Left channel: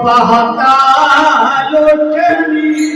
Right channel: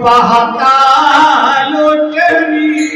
पाहता लोटली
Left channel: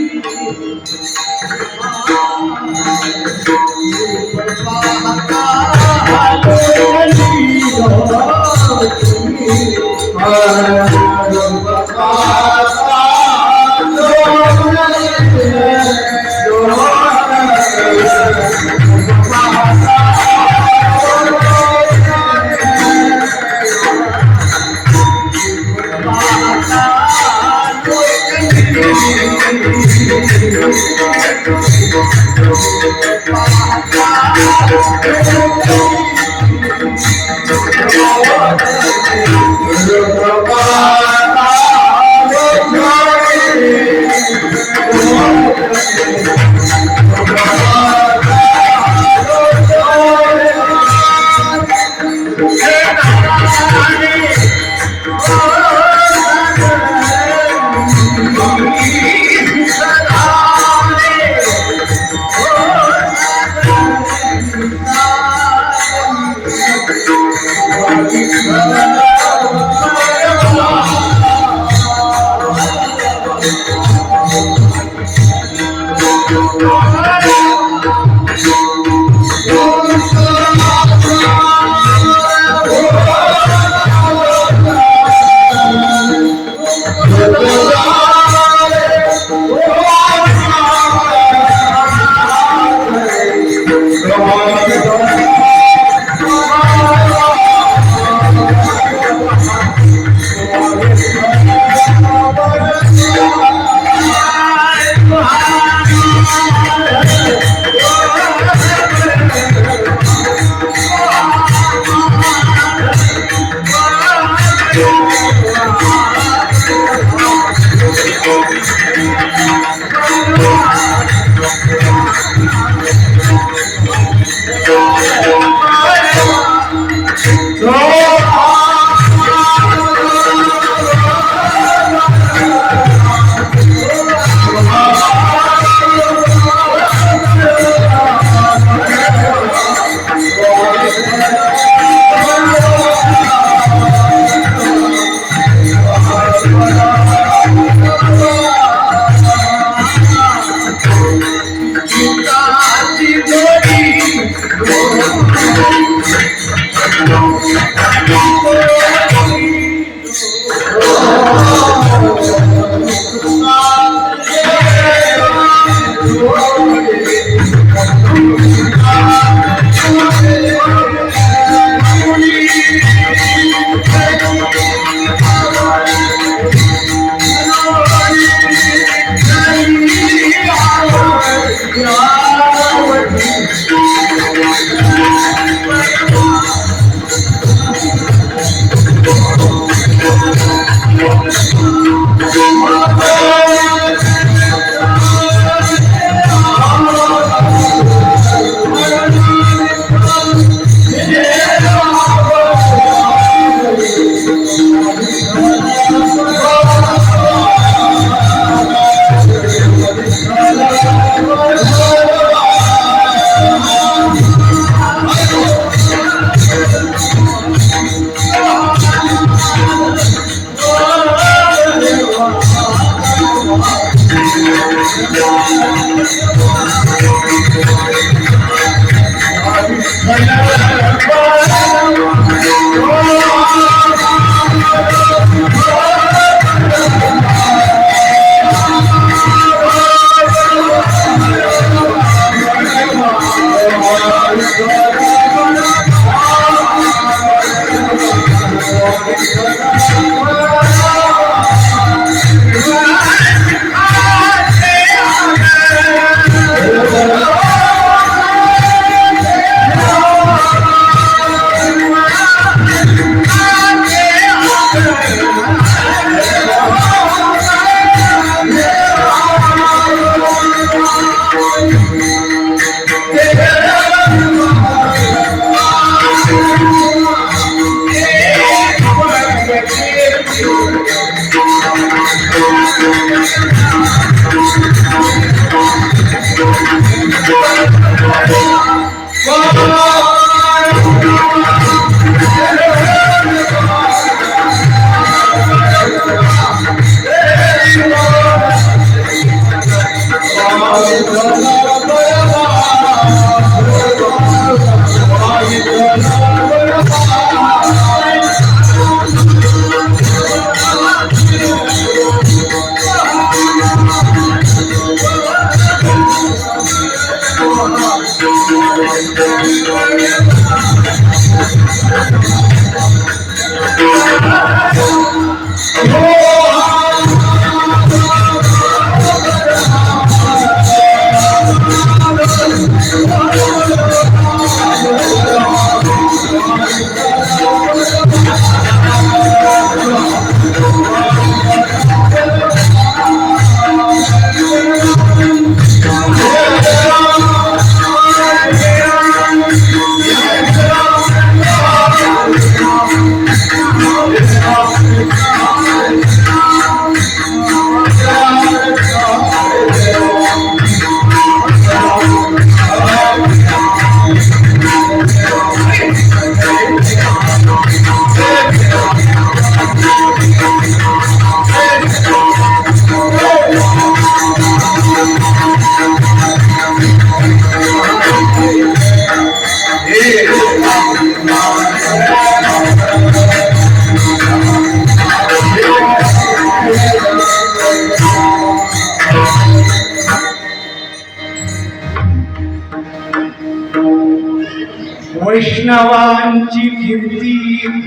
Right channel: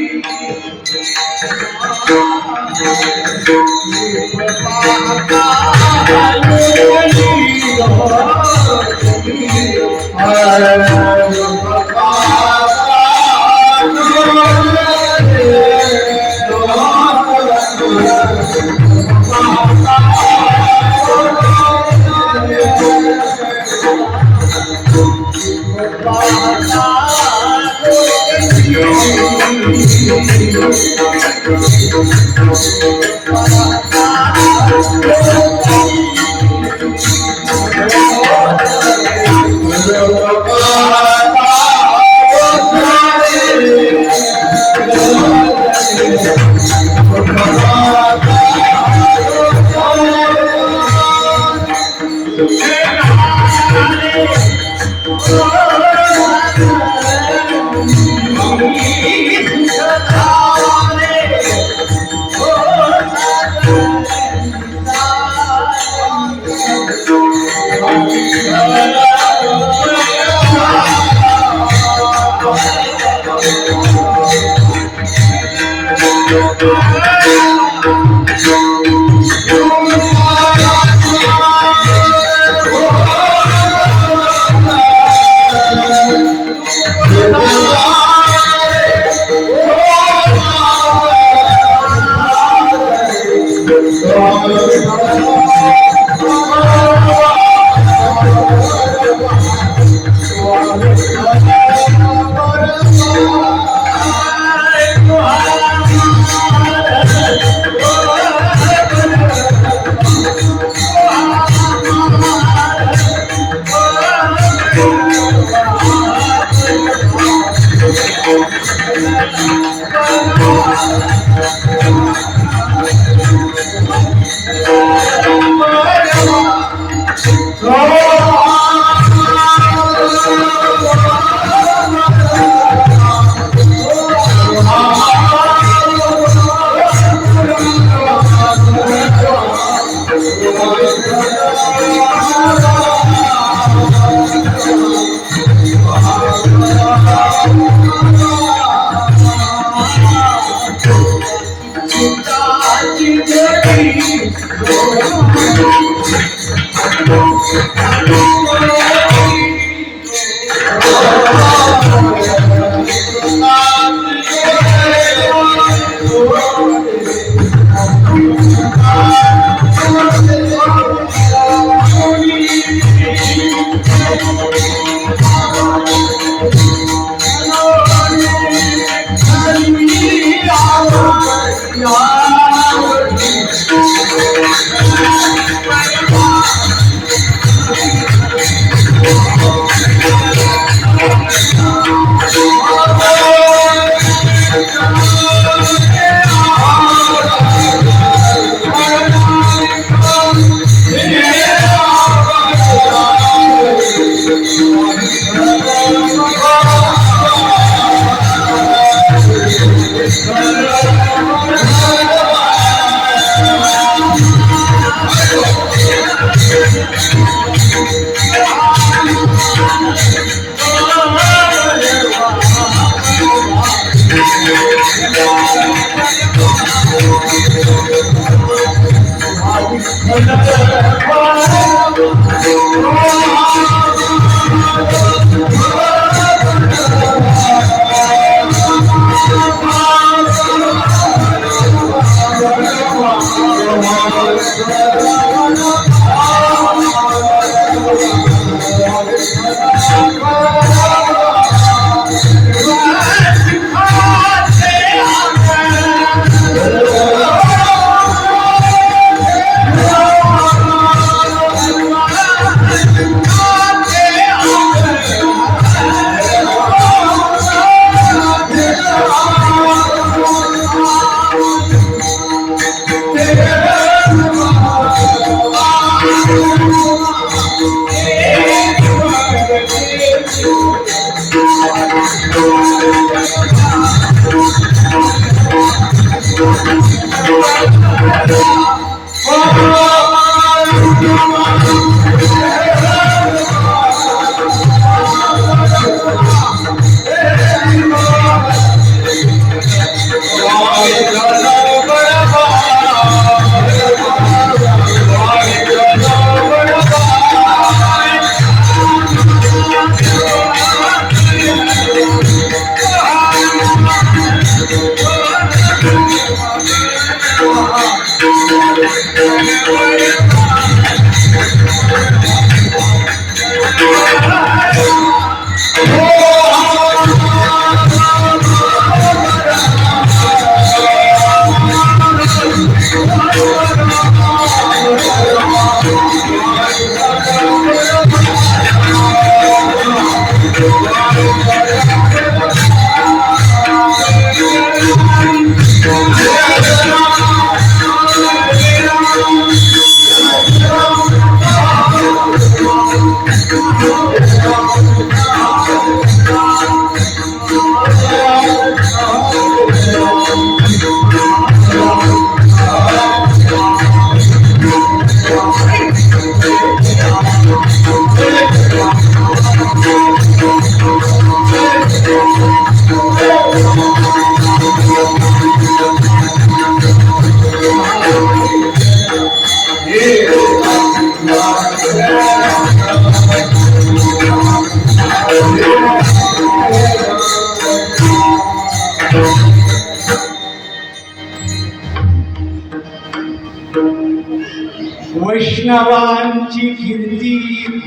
वैष्णवांची कीर्ती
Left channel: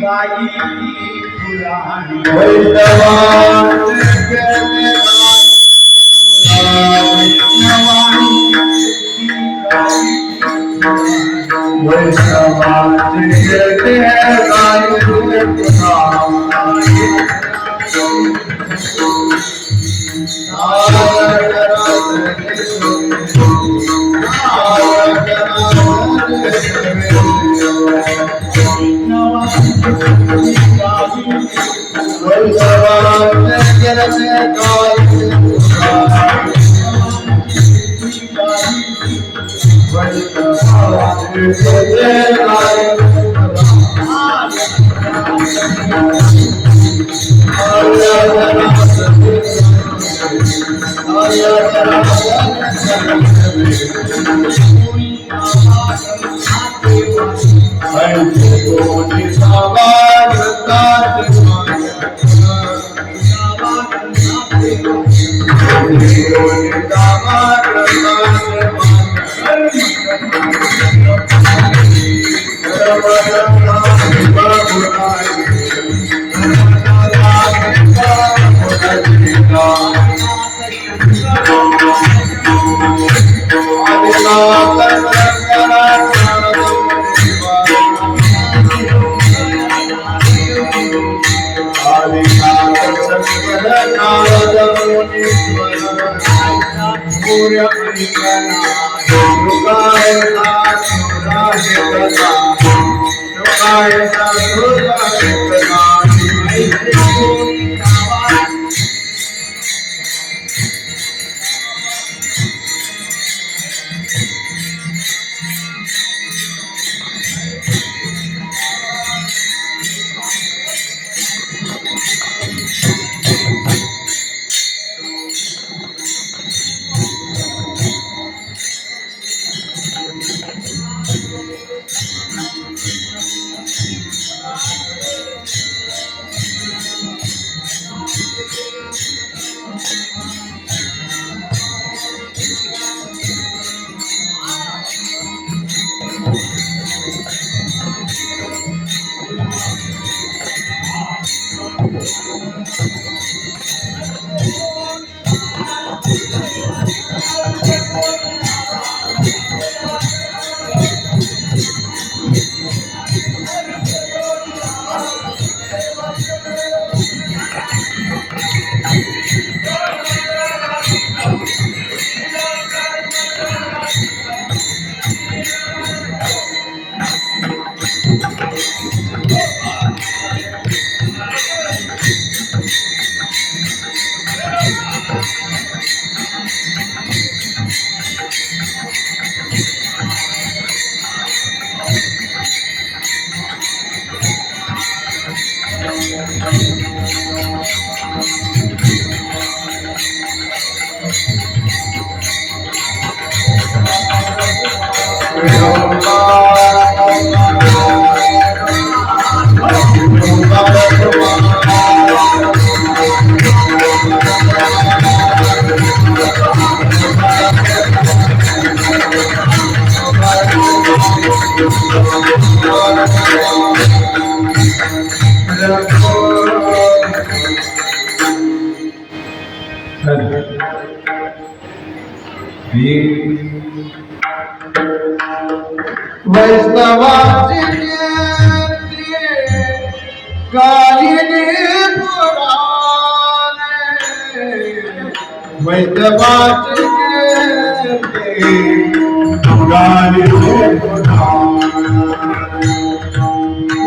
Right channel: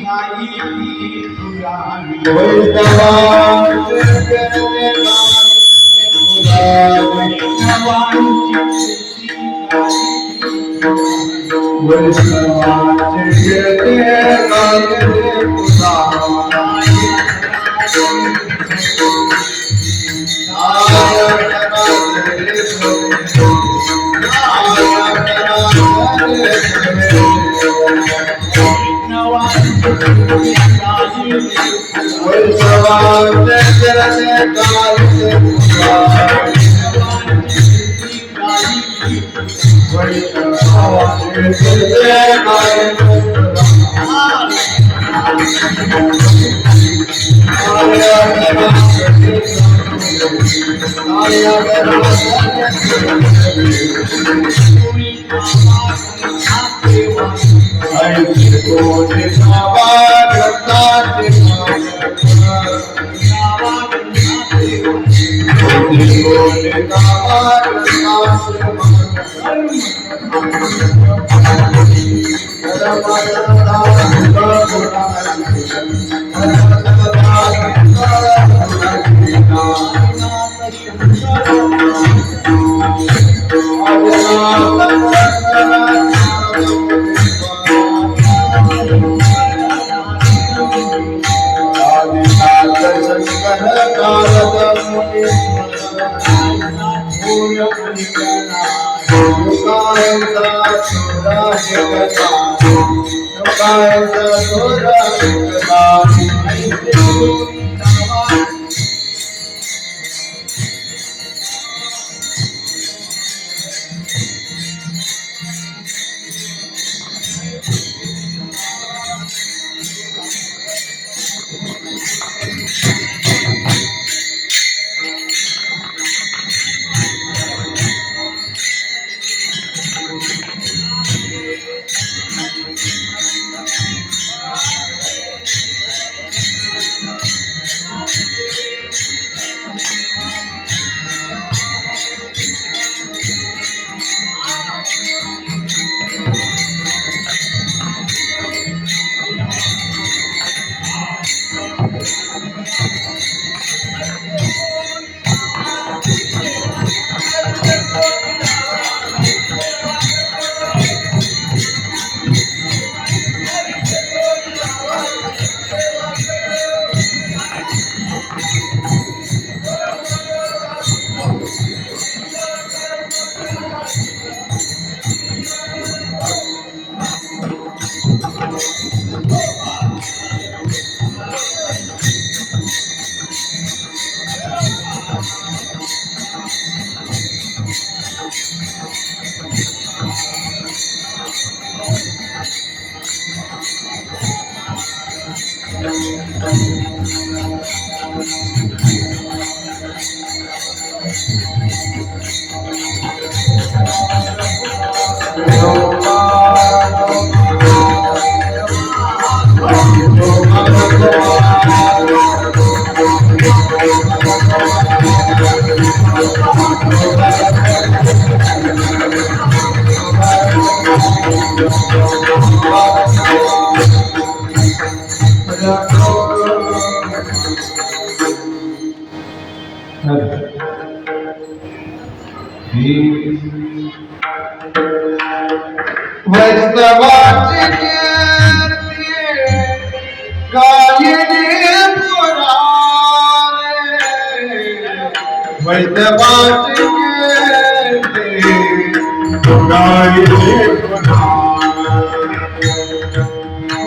गाई पुराणी वैष्णवांचे वैष्णवाची कीर्ती गायिनी पुराणे वैष्णवाची कीर्ती गायिनी पुराणे वैष्णवाची कीर्ती गायिनी पुराणे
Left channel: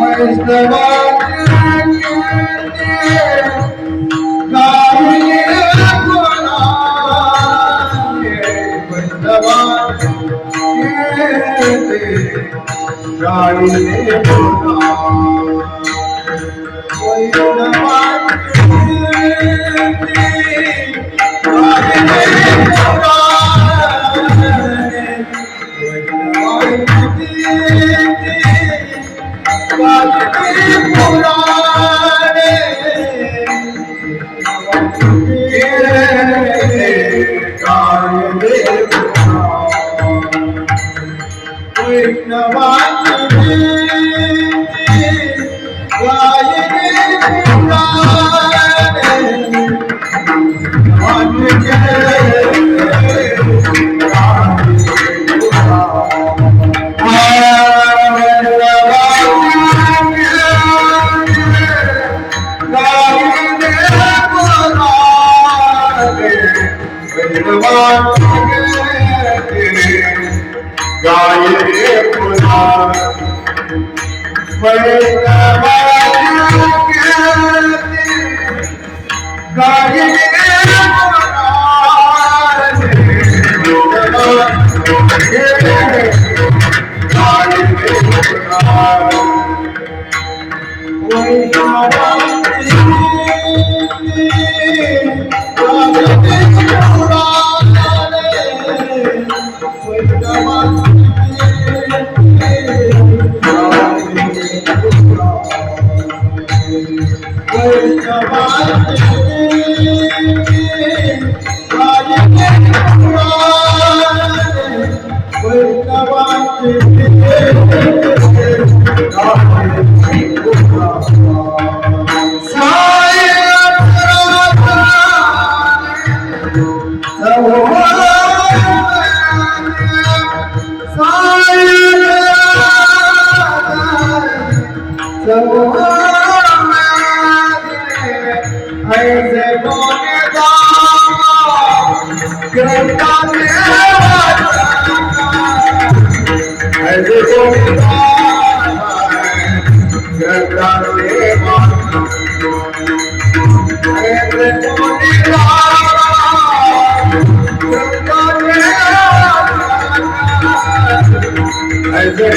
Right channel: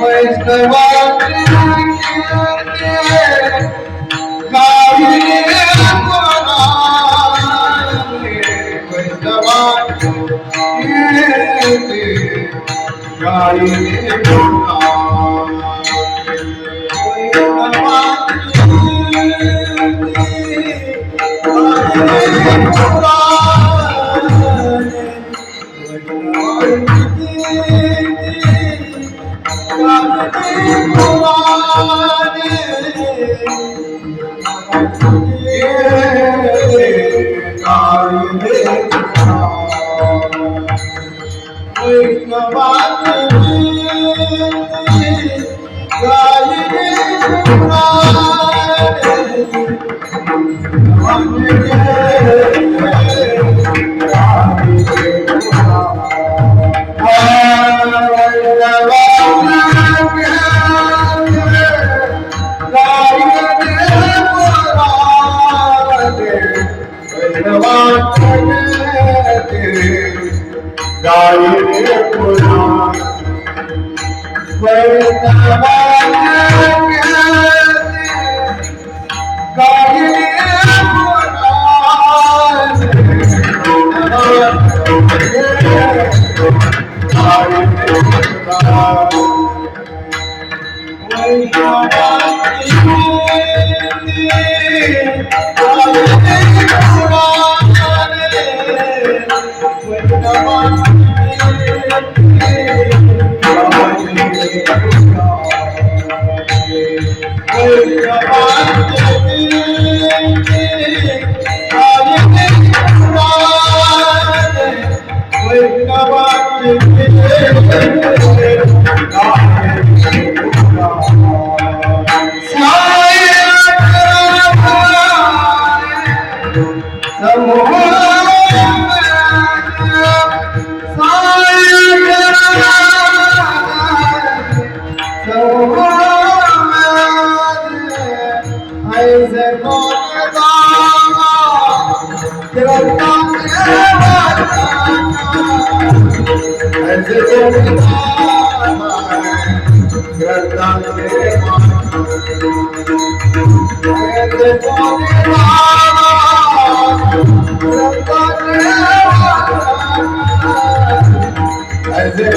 वैष्णवाची गायिने ऐसे बोलेगा करता मेरा ऐसे बोलेगा करता मेरा ऐसे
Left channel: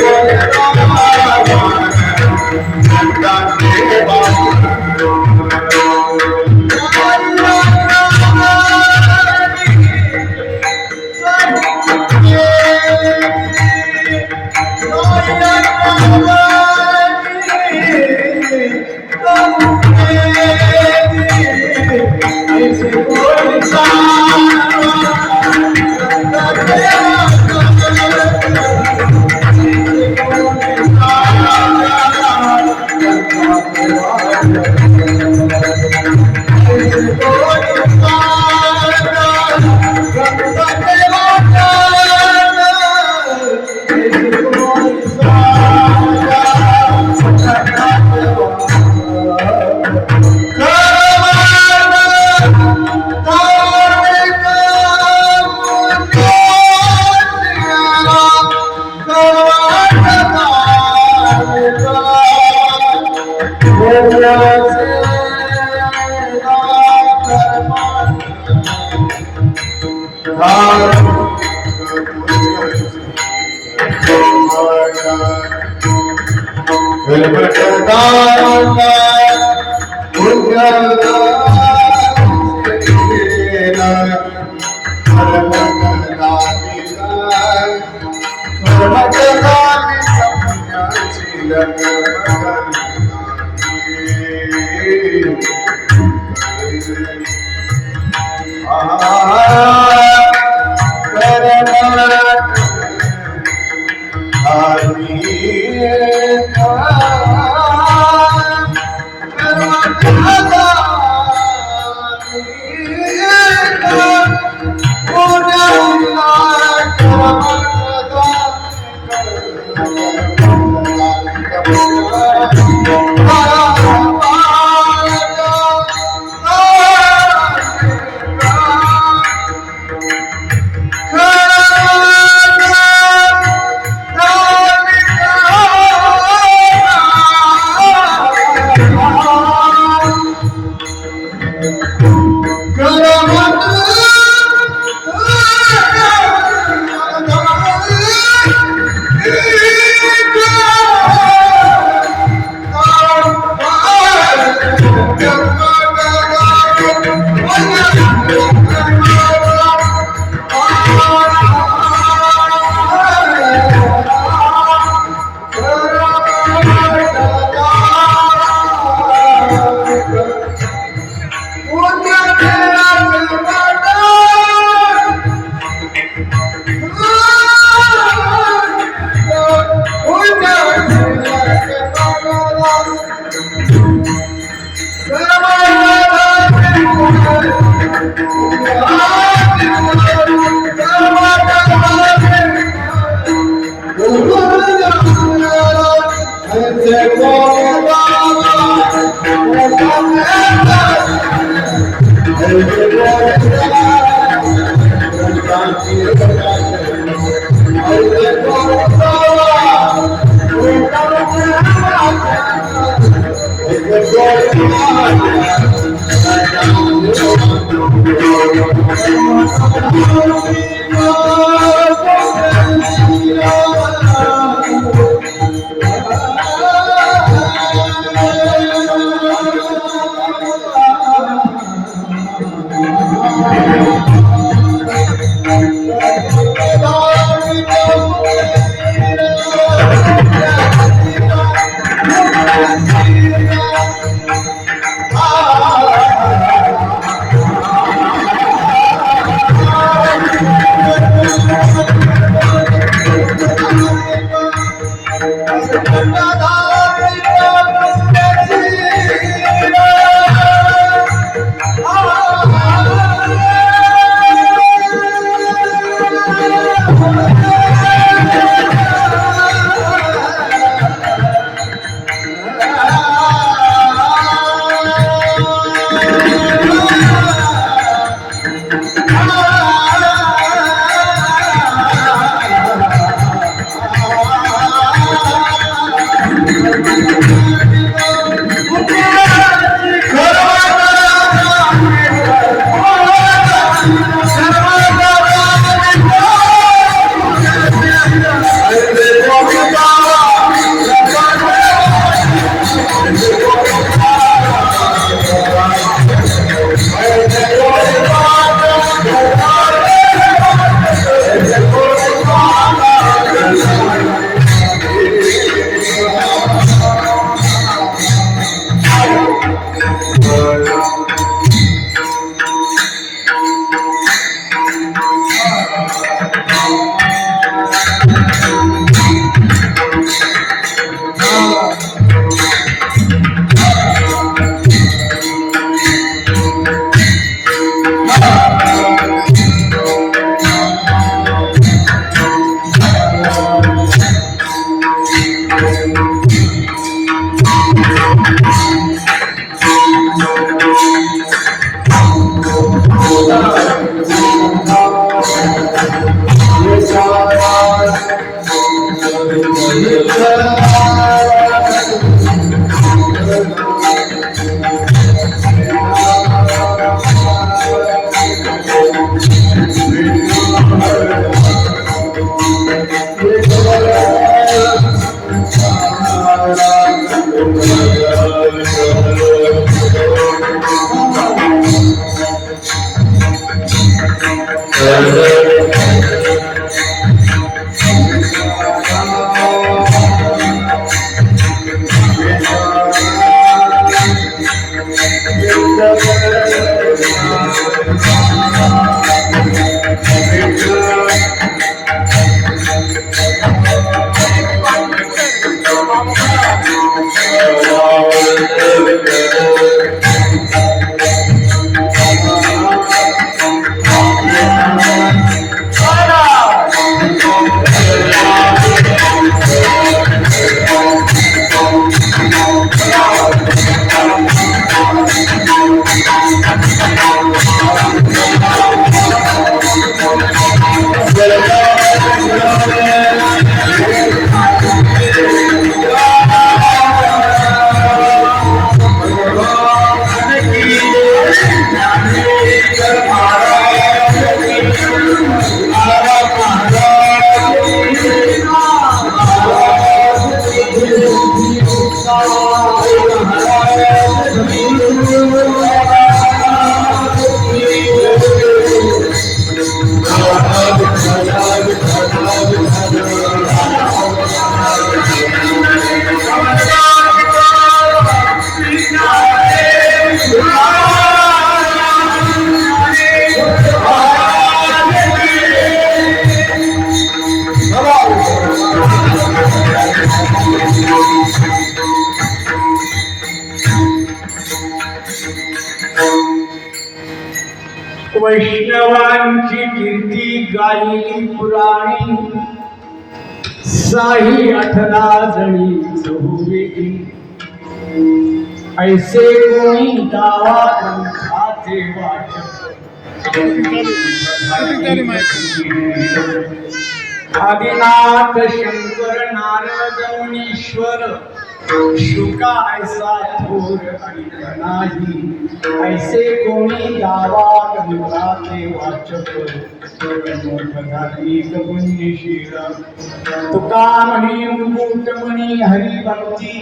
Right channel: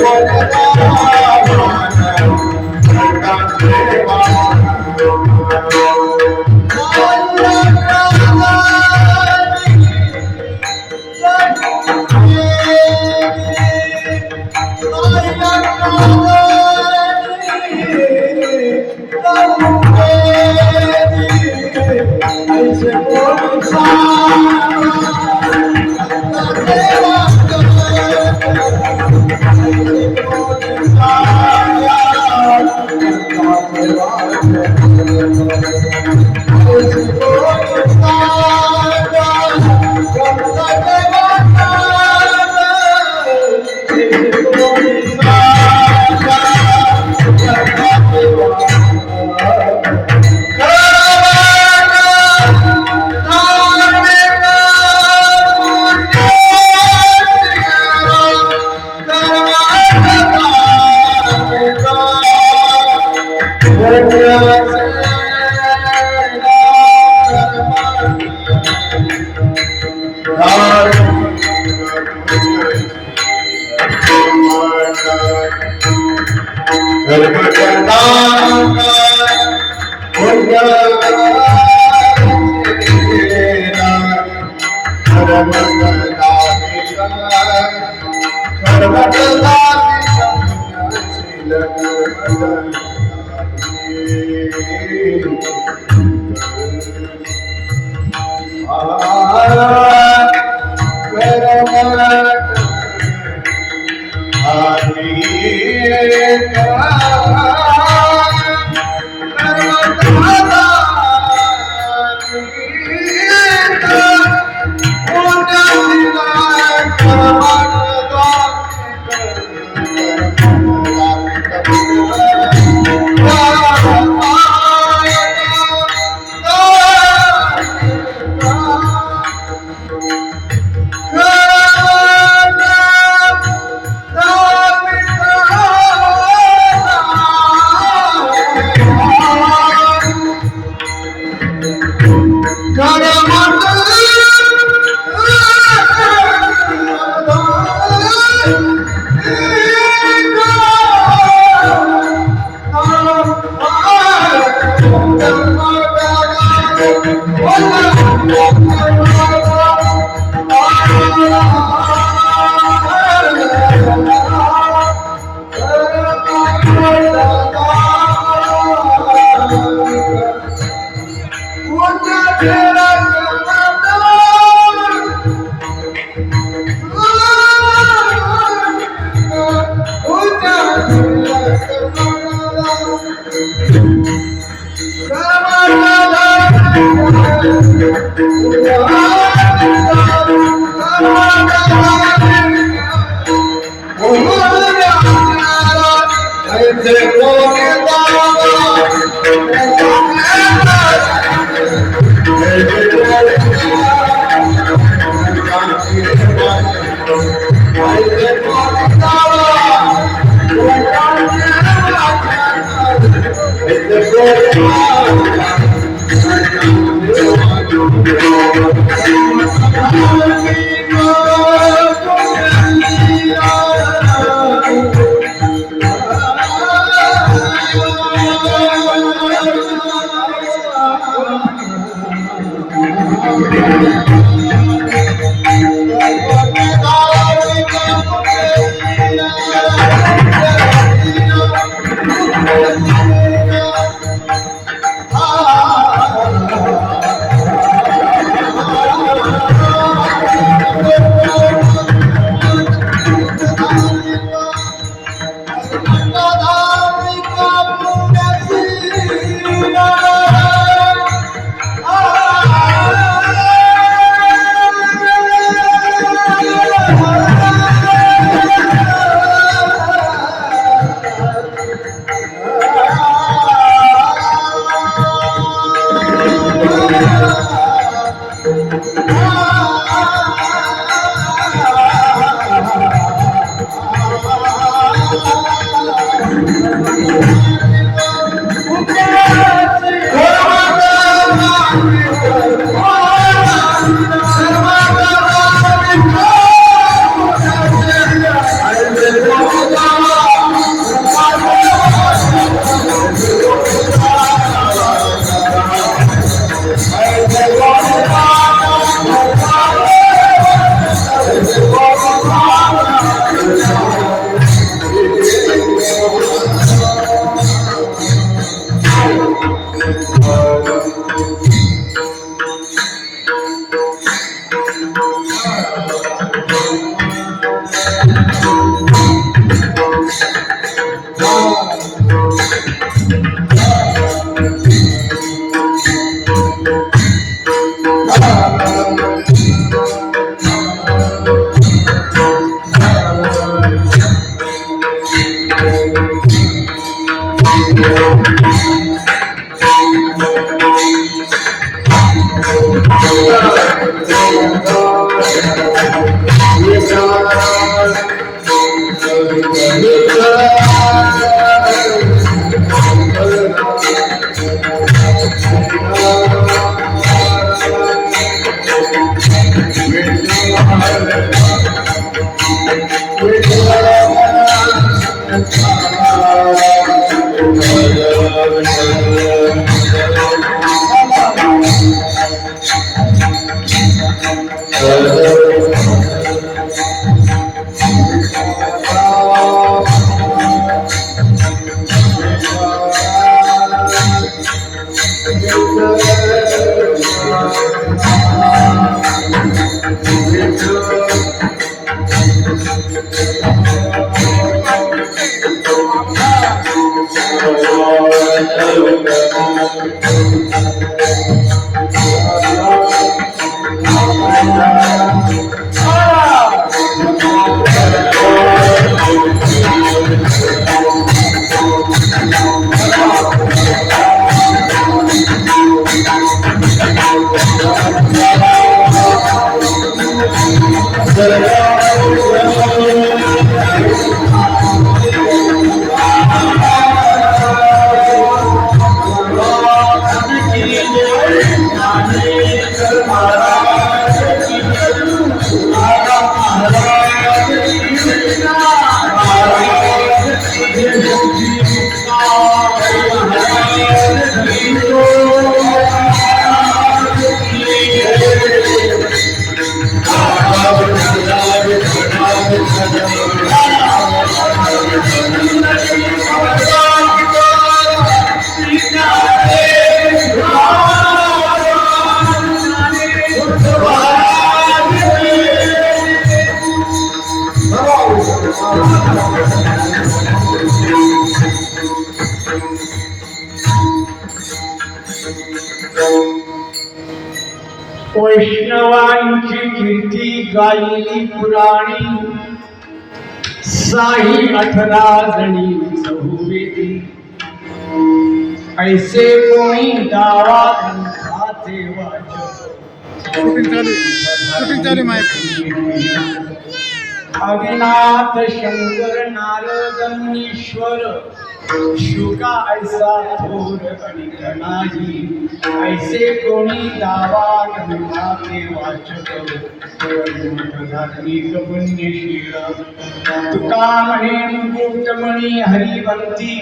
वैष्णवांची कीर्ती गायली पुराणी, साई 18 जणी चहुवेदी, ऐसे कोणी दावा ग्रंथाचे वाचक आदिनाथ शंकर नारद मुनीश्वर, शुका ऐसा थोर आणि नाही, ऐसे कोणी दावा ग्रंथाचे वाचक धार्मिक पुण्यशील, तुका म्हणे मुकुटमणी हरिभक्ती,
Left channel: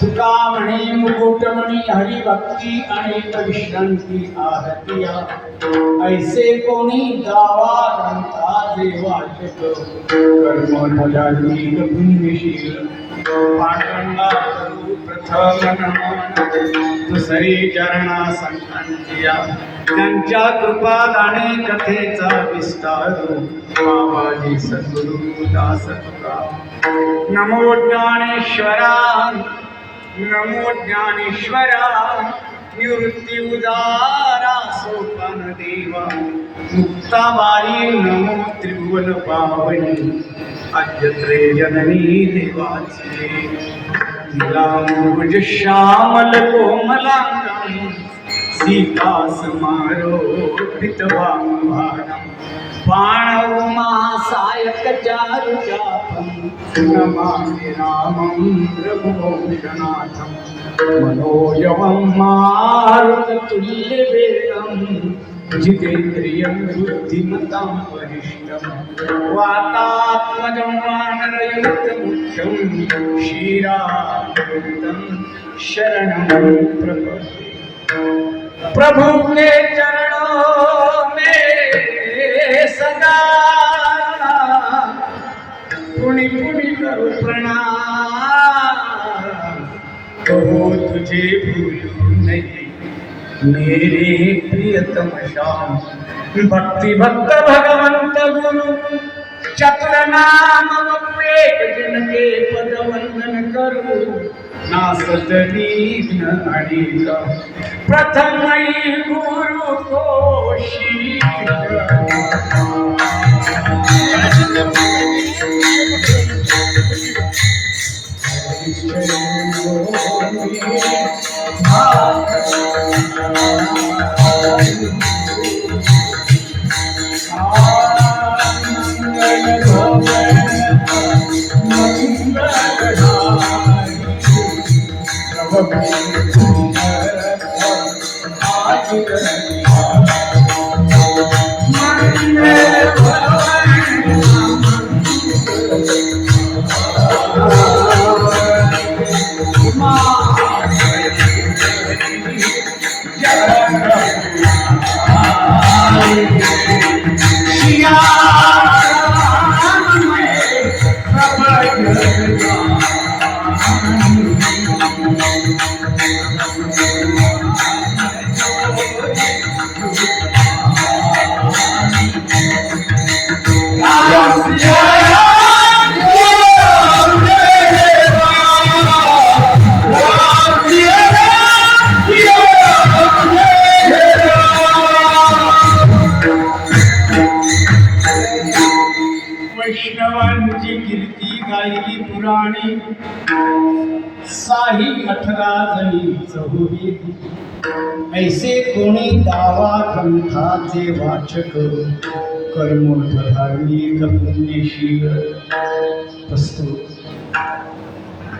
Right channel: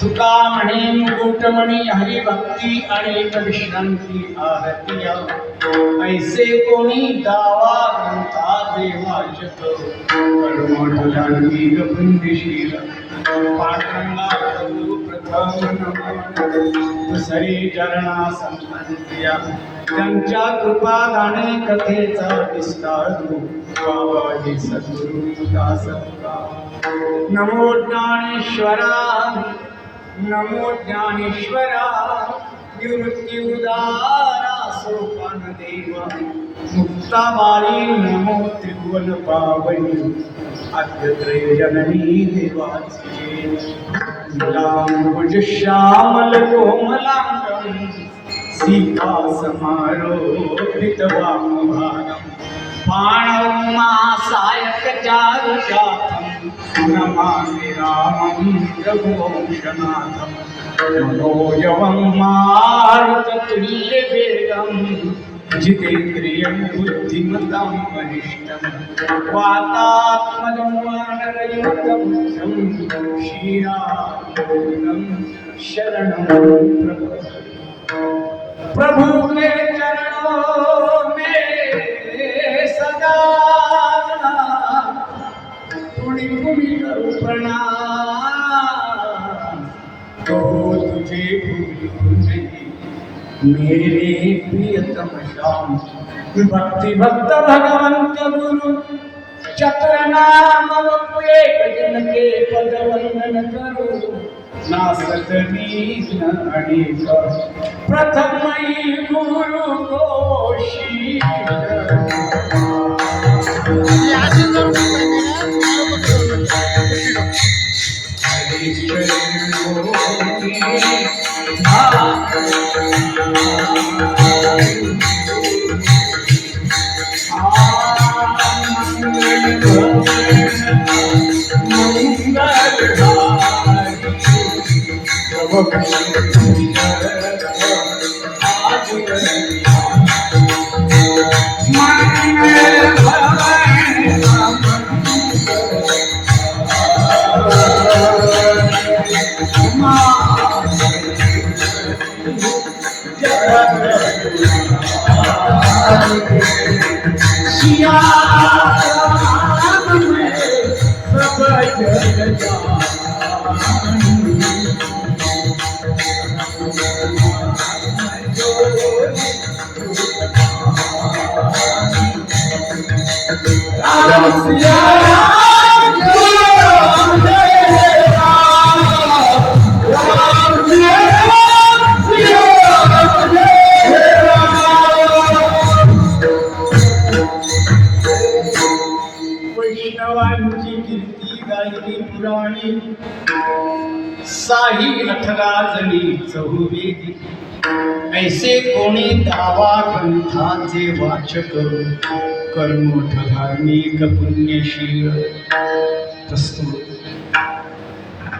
तुका म्हणे मुकुटमणी हरिभक्ती अनेक विश्रांती आरतीय, ऐसे कोणी दावा ग्रंथाचे वाचक कर्मठ धार्मिक पुण्यशील, पांडुरंगा प्रभू प्रथम नमन, दुसरी चरणा संतांच्या, त्यांच्या कृपादाने कथेचा विस्तार, बाबाजी सद्गुरु दास तुका, नमो ज्ञानेश्वरा, नमो ज्ञानेश्वरा, निवृत्ती उदारा सोपान देवा, मुक्ताबाई नमो त्रिभुवन पावनी, आद्यत्रे जननी देवाचे, नीलांबुज श्यामल कोमलांगम, सीता समारोपित वामभागम, पाणवमा सायक चारुजातम, नमामि रामं रघुवंशनाथम, मनोजवं मारुततुल्यवेगं, जितेन्द्रियं बुद्धिमतां वरिष्ठं, वातात्मजं वानरयुक्तमुख्यं, श्रीरामदूतं शरणं प्रपद्ये। प्रभु के चरणों में सदा पुनि पुनि करो प्रणाम, तो तुझे भूलूं नहीं मेरे प्रियतम श्याम, भक्ति भक्त भगवंत गुरु चतुर नाम एक जन के पद वंदन करो, नासत दीन अनेक प्रथम गुरु को शीश, हरीश्वर वैष्णवांची कीर्ती गायली पुराणी साही 18 जणी चहुवेदी ऐसे कोणी दावा ग्रंथाचे वाचक कर्मठ धार्मिक पुण्यशील प्रस्तुत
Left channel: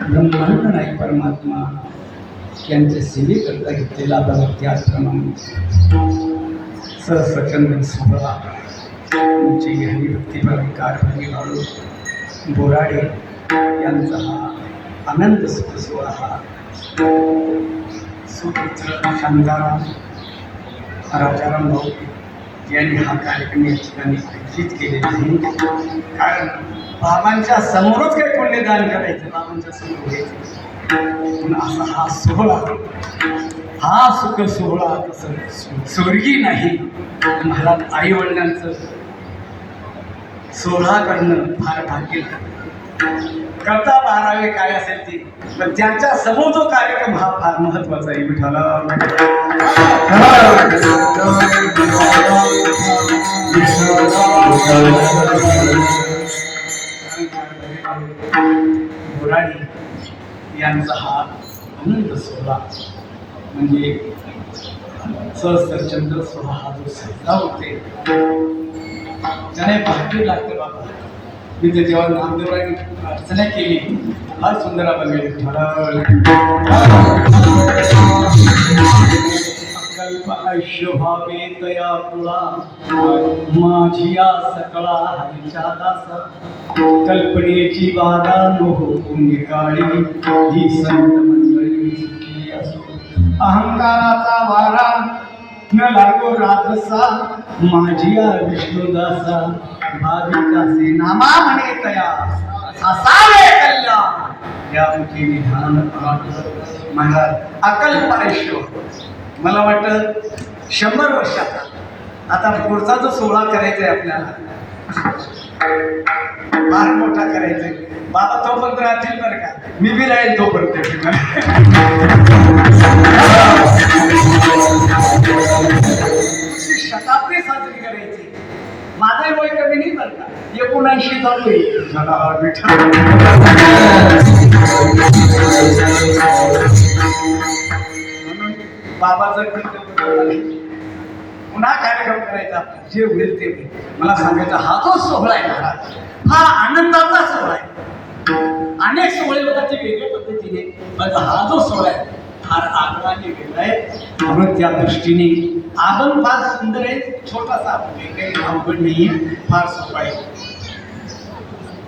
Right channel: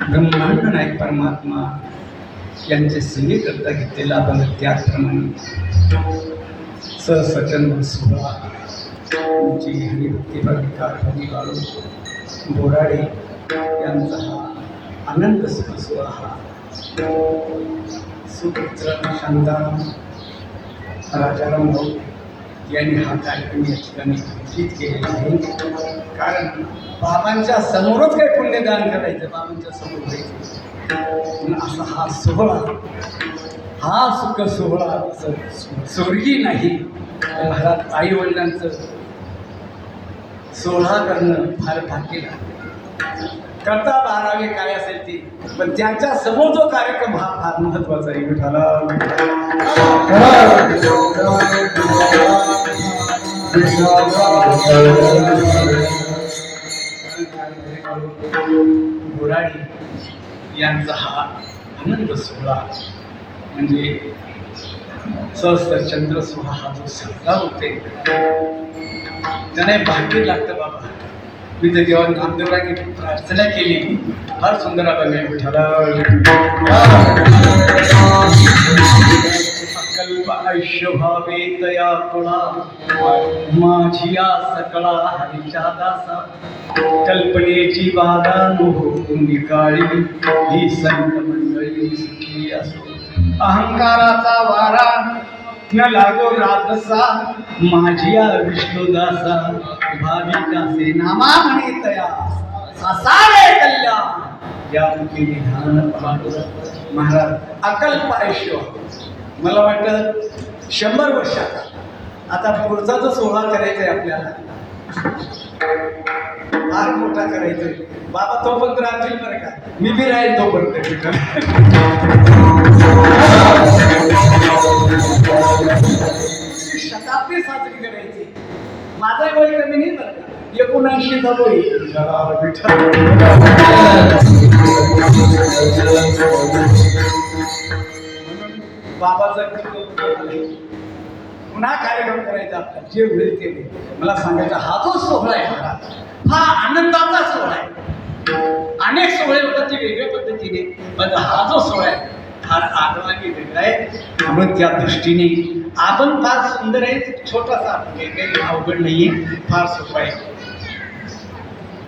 ब्रह्मांड नायक परमात्मा यांचे सेवेकरता घेतलेला बघ त्याचप्रमाणे सचंद्र सोहळा तुमची हरी भक्तिभावी कारभारी वाळू बोराडे यांचा हा आनंद सुख सोहळा हा सुपुत्र शांताराम राजाराम भाऊ यांनी हा कार्यक्रम या ठिकाणी आयोजित केलेला आहे. कारण बाबांच्या समोरच काही पुण्यदान करायचं, बाबांच्या समोर घ्यायचं, पण असा हा सोहळा, हा सुख सोहळा तसं स्वर्गी नाही. महाराज आई वडिलांचं सोहळा करणं फार भाग्य करता बारावे काय असेल ते, पण त्यांच्या समोर जो कार्यक्रम हा फार महत्वाचा आहे. विठाला बोराडी यांचा हा आनंद सोहळा म्हणजे सहस्त्रचंद्र सोहळा हा जो साजरा होते त्याने भाग्य लागतं. बाबा मी तर जेव्हा नामदेवरांनी प्रार्थना केली फार सुंदर आपण कल्प आयुष्य भावे तया कुळा माझिया सकळा हरीच्या दासा कल्पनेची बाधा मोह निकाळी ही संत मंडळी सुखी असो. अहंकाराचा वारा न लागो राजसा माझिया विष्णुदासा भाविकासे नामा म्हणे तया असावे कल्याण या मुखी विधान. महाराज अकल्प आयुष्य मला वाटतं 100 वर्षाचा आता पुढचा जो सोहळा करायचा आहे आपल्याला फार मोठा करायचा आहे. बाबा तोपर्यंत राहतील बरं का, मी बी राहील तोपर्यंत. शताब्दी साजरी करायची. माझा वय कमी नाही बरं का, 79 चालू आहे. बाबाचं पुन्हा कार्यक्रम करायचा आपला जे होईल ते होईल. मला सांगायचं हा जो सोहळा आहे महाराज हा आनंदाचा सोहळा आहे. अनेक सोहळे होतात ते वेगळ्या पद्धतीने, पण हा जो सोहळा आहे फार आगळाने वेगळा आहे. म्हणून त्या दृष्टीने आपण फार सुंदर आहे. छोटासा काही अवघड नाहीये, फार सोपा आहे.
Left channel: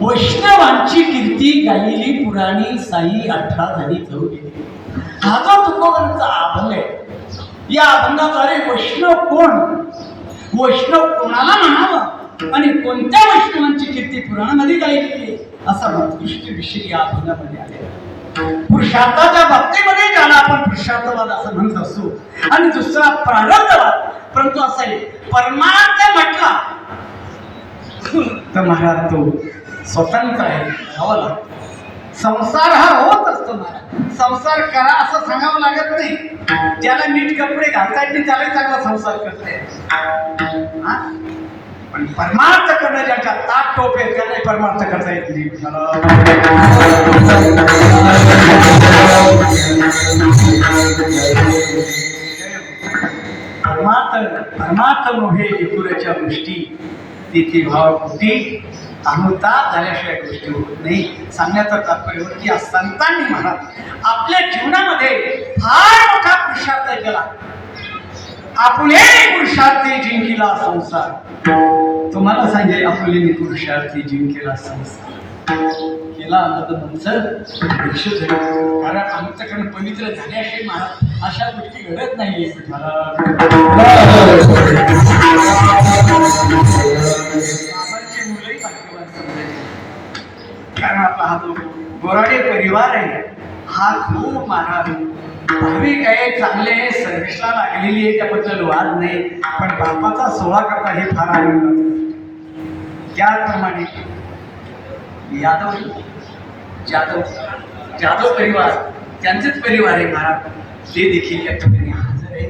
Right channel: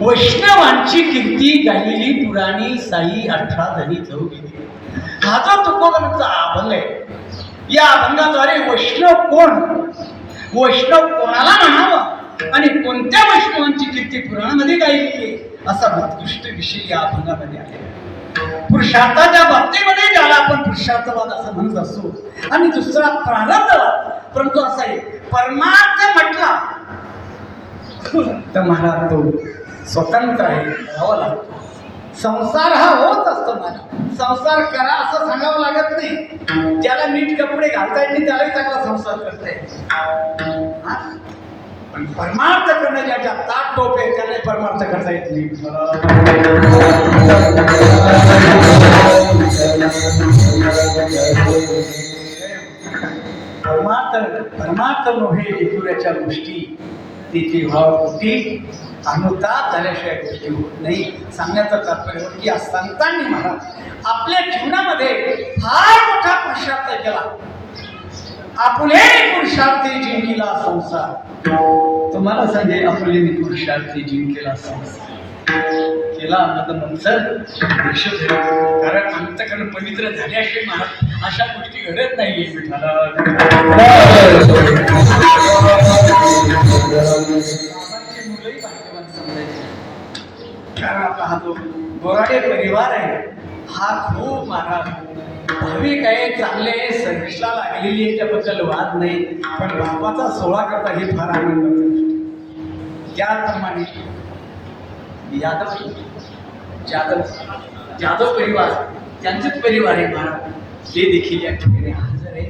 वैष्णवांची कीर्ती गायली पुराणी साई 18 जणी चहुवेदी. हा जो तुकोबांचा अभंग आहे, या अभंगाद्वारे वैष्णव कोण, वैष्णव कोणाला म्हणावं आणि कोणत्या वैष्णवांची कीर्ती पुराणामध्ये गायली आहे असा उत्कृष्ट विषय या अभंगामध्ये आलेला आहे. पुरुषार्थाच्या बाबतीमध्ये ज्याला आपण पुरुषार्थवाद असं म्हणत असतो आणि दुसरा प्रारब्धवाद, परंतु असा आहे परमार्थ म्हटला तर महाराज तो स्वतंत्र आहे, करावा लागतो. संसार हा होत असतो. मला संसार करा असं सांगावं लागत नाही. ज्याला नीट कपडे घालता येत नाही त्यालाही चांगला संसार करता येत. पण परमार्थ करणं ज्याच्या ताट टोप आहे त्यालाही परमार्थ करता येत नाही. परमार्थ परमात्म नव्हे एकुऱ्याच्या गोष्टी तिथे भाव कुठी अनुताप झाल्याशिवाय गोष्टी होत नाही. सांगण्याचं तात्पर्य होतं की या संतांनी महाराज आपल्या जीवनामध्ये फार मोठा पुरुषार्थ केला. आपुले पुरुषार्थी जिंकिला संसार. तुम्हाला सांगेल आपुलेने पुरुषार्थी जिंकेला संसार केला मनसर दीक्षित झाली. कारण अंतकरण पवित्र झाल्याशिवाय महाराज अशा गोष्टी घडत नाहीये. बाबांची मुलंही भाग्यवान समजायची. कारण आपला हा जो गोराडे परिवार आहे हा खूप महाराज भाविक आहे, चांगले आहे, सर्विसला लागलेली आहे, त्याबद्दल वाद नाही. पण बापाचा सोहळा करता हे फार आनंदाचं गोष्ट. त्याप्रमाणे जाधव परिवार त्यांचेच परिवार आहे महाराज. ते देखील या ठिकाणी हजर आहे.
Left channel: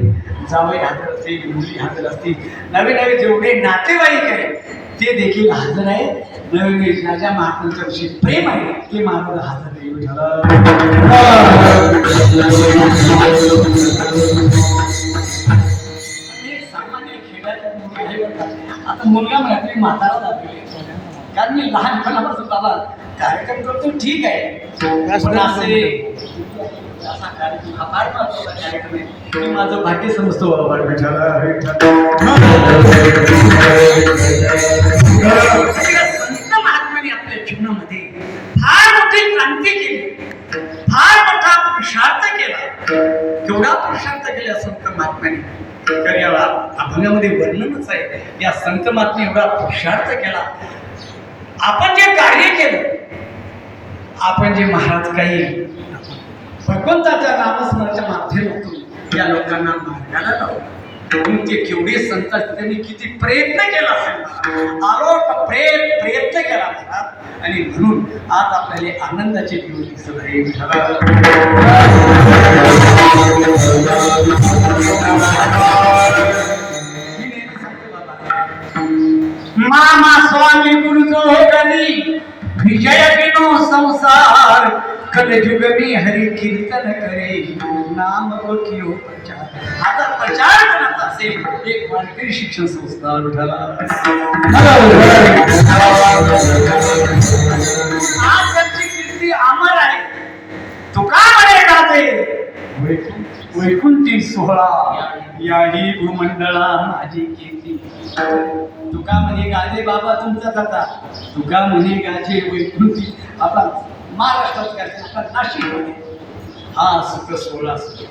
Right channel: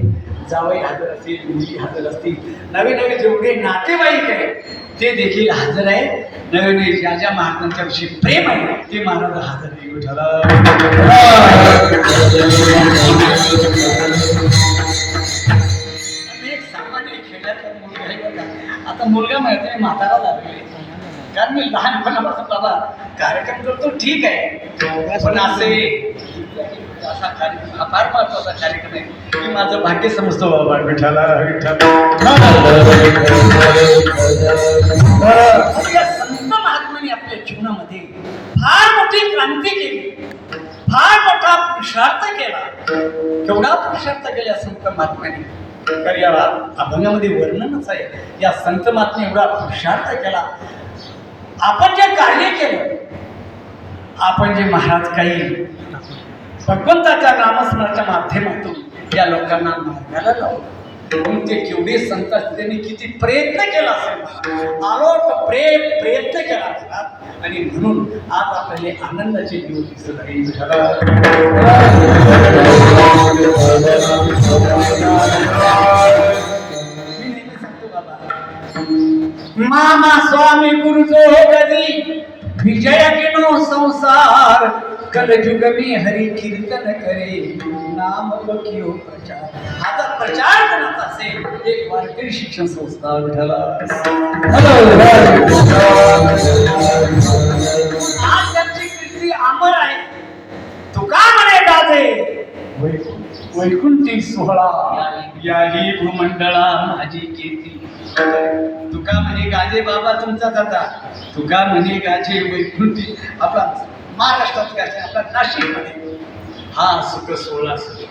जावई हजर असतील, मुली हजर असतील, नवे नवे जेवढे नातेवाईक आहे ते देखील हजर आहे. नवे नवे ज्या ज्या महात्मांच्या विषयी प्रेम आहे ते महाराज हजर आहे. एक सामान्य खेड्याचा मुलगा आहे बघा. आता मुलगा माहिती म्हातारा लागले. कारण मी लहानपणापासून बाबा कार्यक्रम करतो ठीक आहे, पण असे असा कार्यक्रम हा फार महत्वाचा कार्यक्रम आहे. मी माझं भाग्य समजतो बाबा. संत महात्म्याने आपल्या जीवनामध्ये फार मोठी क्रांती केली, फार मोठा पुरुषार्थ केला. केवढा पुरुषार्थ केला संत महात्म्याने. तर या अभंगामध्ये वर्णनच आहे. या संत महात्म्याने एवढा पुरुषार्थ केला. आपण जे कार्य केलं, आपण जे महाराज काही भगवंताच्या नामस्मरणाच्या माध्यमातून या लोकांना मार्गाला लावलं, ते केवढे संत त्यांनी किती प्रयत्न केला असेल. आलोक प्रयत्न केला महाराज. आणि म्हणून आज आपल्याला आनंदाचे दिवस दिसत आहे. मी नेहमी सांगतो बाबा, मामा स्वामी गुरुजो कधी विजय बिनो संसार. कलयुग मी हरी कीर्तन करे नाम बकियो प्रचार. आता प्रचार करत असेल एक वारकरी शिक्षण संस्था उठाला. आज त्यांची कीर्ती अमर आहे. तुका म्हणे गाजे वैकुंठी सोहळा याही भूमंडळा माझी कीर्ती. तुका म्हणे गाजे बाबा तुमचा दाता. तुका म्हणे गाजे वैकुंठी. आपला महाराष्ट्रात काय आपला नाशिक मध्ये हा सुख सोहळा सुरू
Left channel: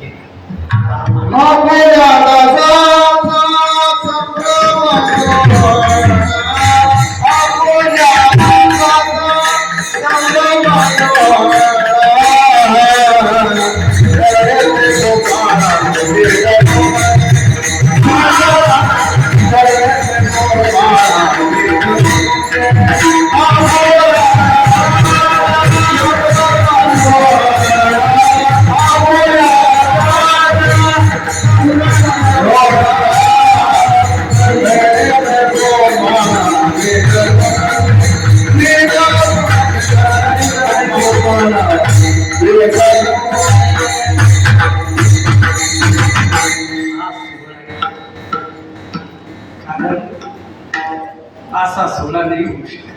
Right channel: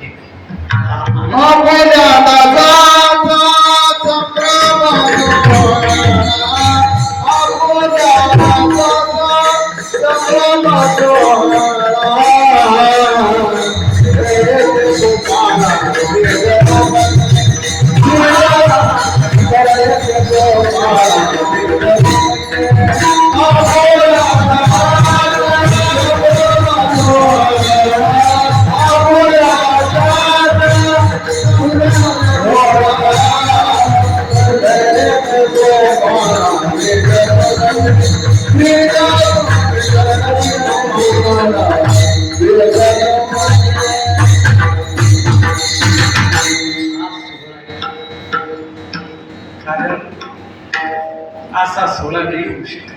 असा सोहळा नाही होऊ शकत.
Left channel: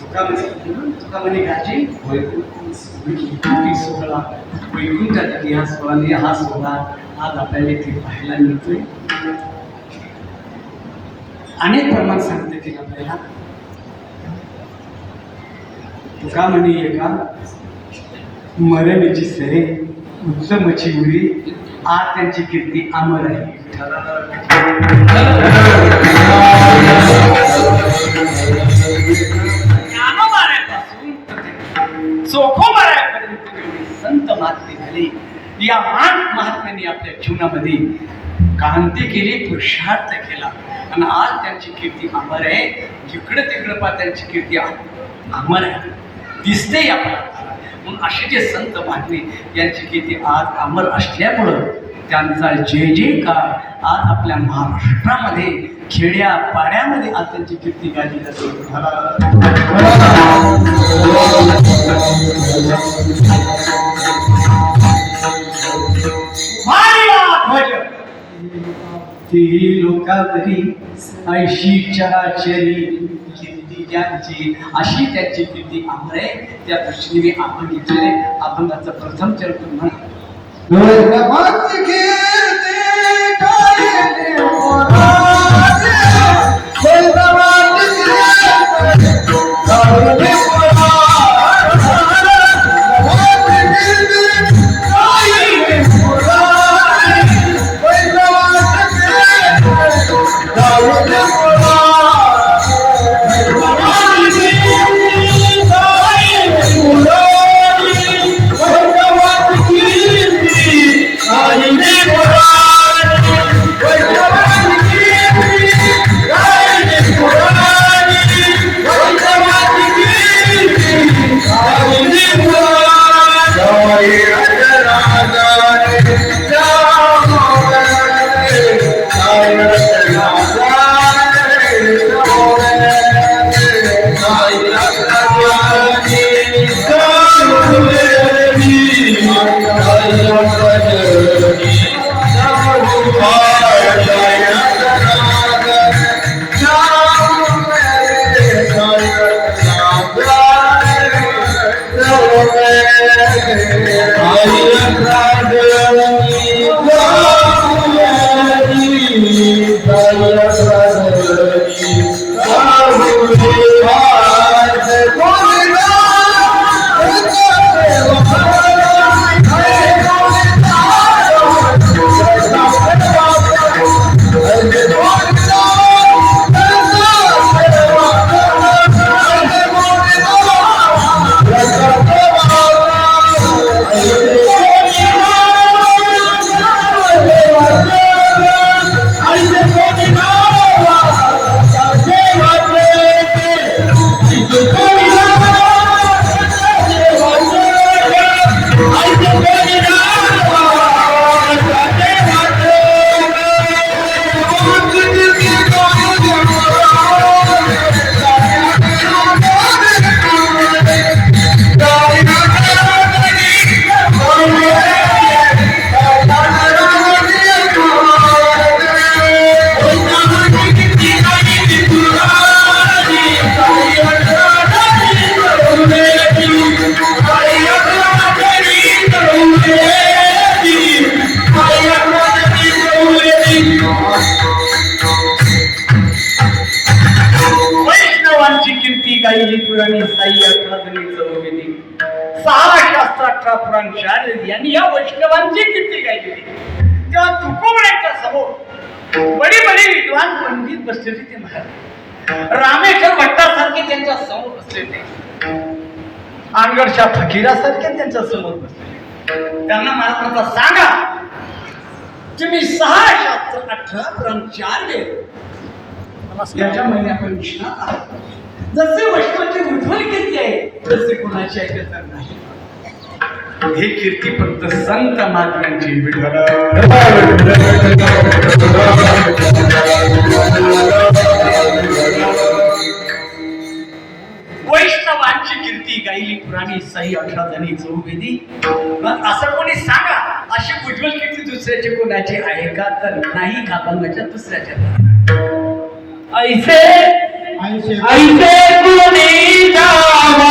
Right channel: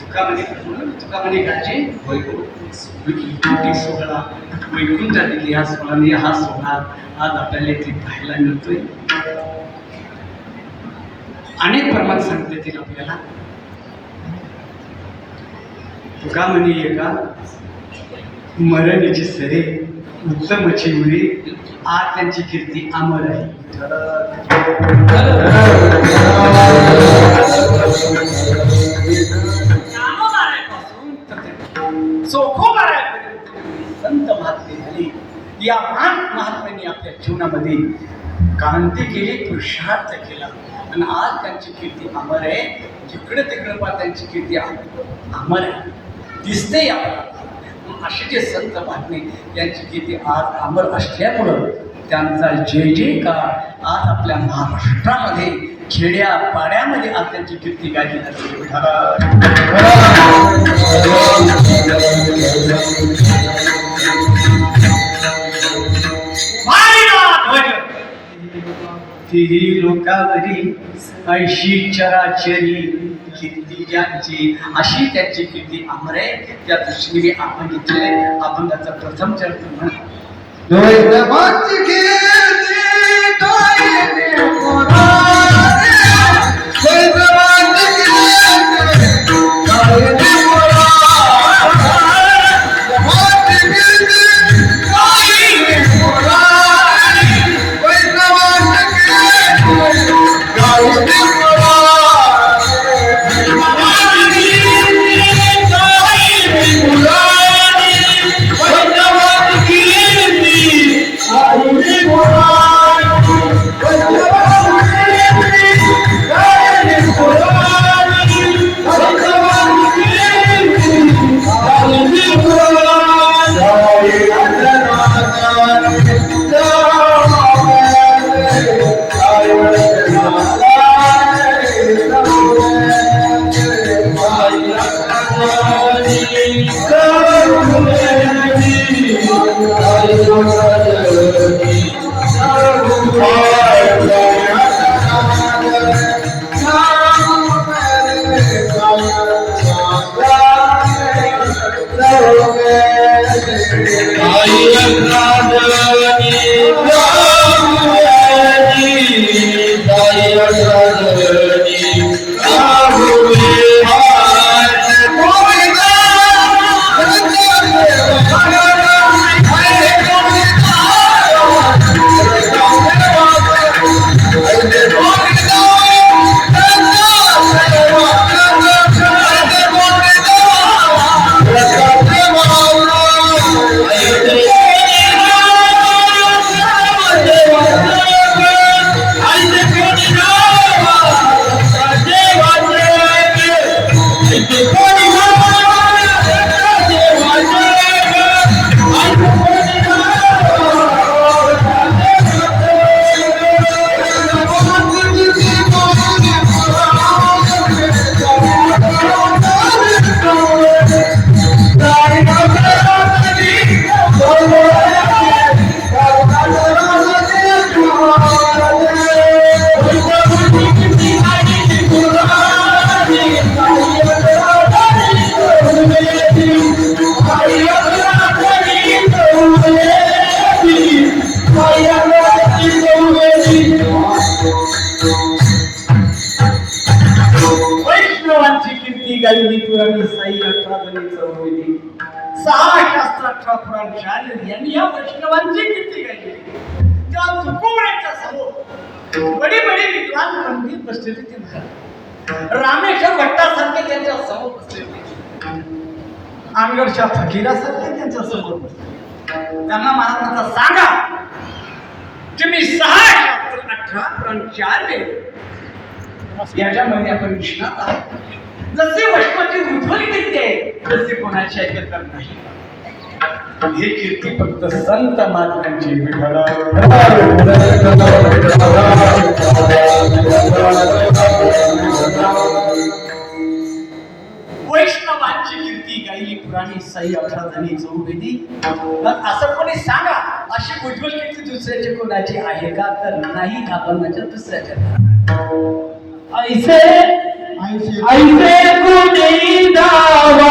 तुका म्हणे गाजे वैकुंठी सोहळा. वैकुंठात देखील हा सोहळा नाही. हा सोहळा आज आपल्याला इथे पाहायला मिळतोय. अनेक प्रमाण सांगता येतील आपल्याला. तुका म्हणे एका मरणीची सरे उत्तमची उरी. आज त्यांची कीर्ती अमर आहे. ज्ञानोबाऱ्यापासून चोखोबाऱ्यापर्यंत संत महात्मे झाले. या महात्म्यांनी आपल्या जीवनामध्ये क्रांती केली, पुरुषार्थ केला आणि आज त्यांची कीर्ती अमर आहे. जिकडे तिकडे पा त्यांची कीर्ती अमर आहे, दिसते आपल्याला. मग असे जे संत महात्मे यांची कीर्ती आज अमर असल्यामुळं त्यांचा जय जयकार आज आपल्या महाराष्ट्रामध्ये खेड्या पाड्यामध्ये आज त्यांची कीर्ती गाजली जाते. ध्वज ती लोकावरी ऐशी चराचरी कीर्ती ज्यांची अशी त्यांची कीर्ती अमर आहे. त्या दृष्टीने मी आपण घेतले अभंगाचा प्रथम चरण म्हणा. वैष्णवांची कीर्ती गायली पुराणी, वैष्णवांची कीर्ती गायली गायली पुराणी साई 18 जणी चौविधी 6 शास्त्र 18 पुराण 4 वेद यांनी या वैष्णवांची कीर्ती गायली. तेव्हा तुकोबराच्या समोर बडी बडी विद्वान पंडित बसलेले ते महाराज रामेश्वर भट्टासारखे त्यांच्या समोर बसलेले, आंगडच्या फकीरासारखे त्यांच्या समोर बसले. त्यांना महाराजांना सांगा, तुम्ही 6 शास्त्र 18 पुराण 4 वेद याच्यामध्ये आपण विश्वास आहात. जसे वैष्णवाची उज्ज्वल कीर्ती आहे तसे कोणाची ऐकत नाही. हे कीर्ती फक्त संत महात्म्यांची. वैष्णवांची कीर्ती गायली पुराणी साई 18 जणी चौवेदी. असं कोणी सांगा, अशी उज्ज्वल कीर्ती दुसऱ्याची कोणाची आहे का? तर नाही. अभंगाच्या दुसऱ्याच्या ऐसे कोणी जावा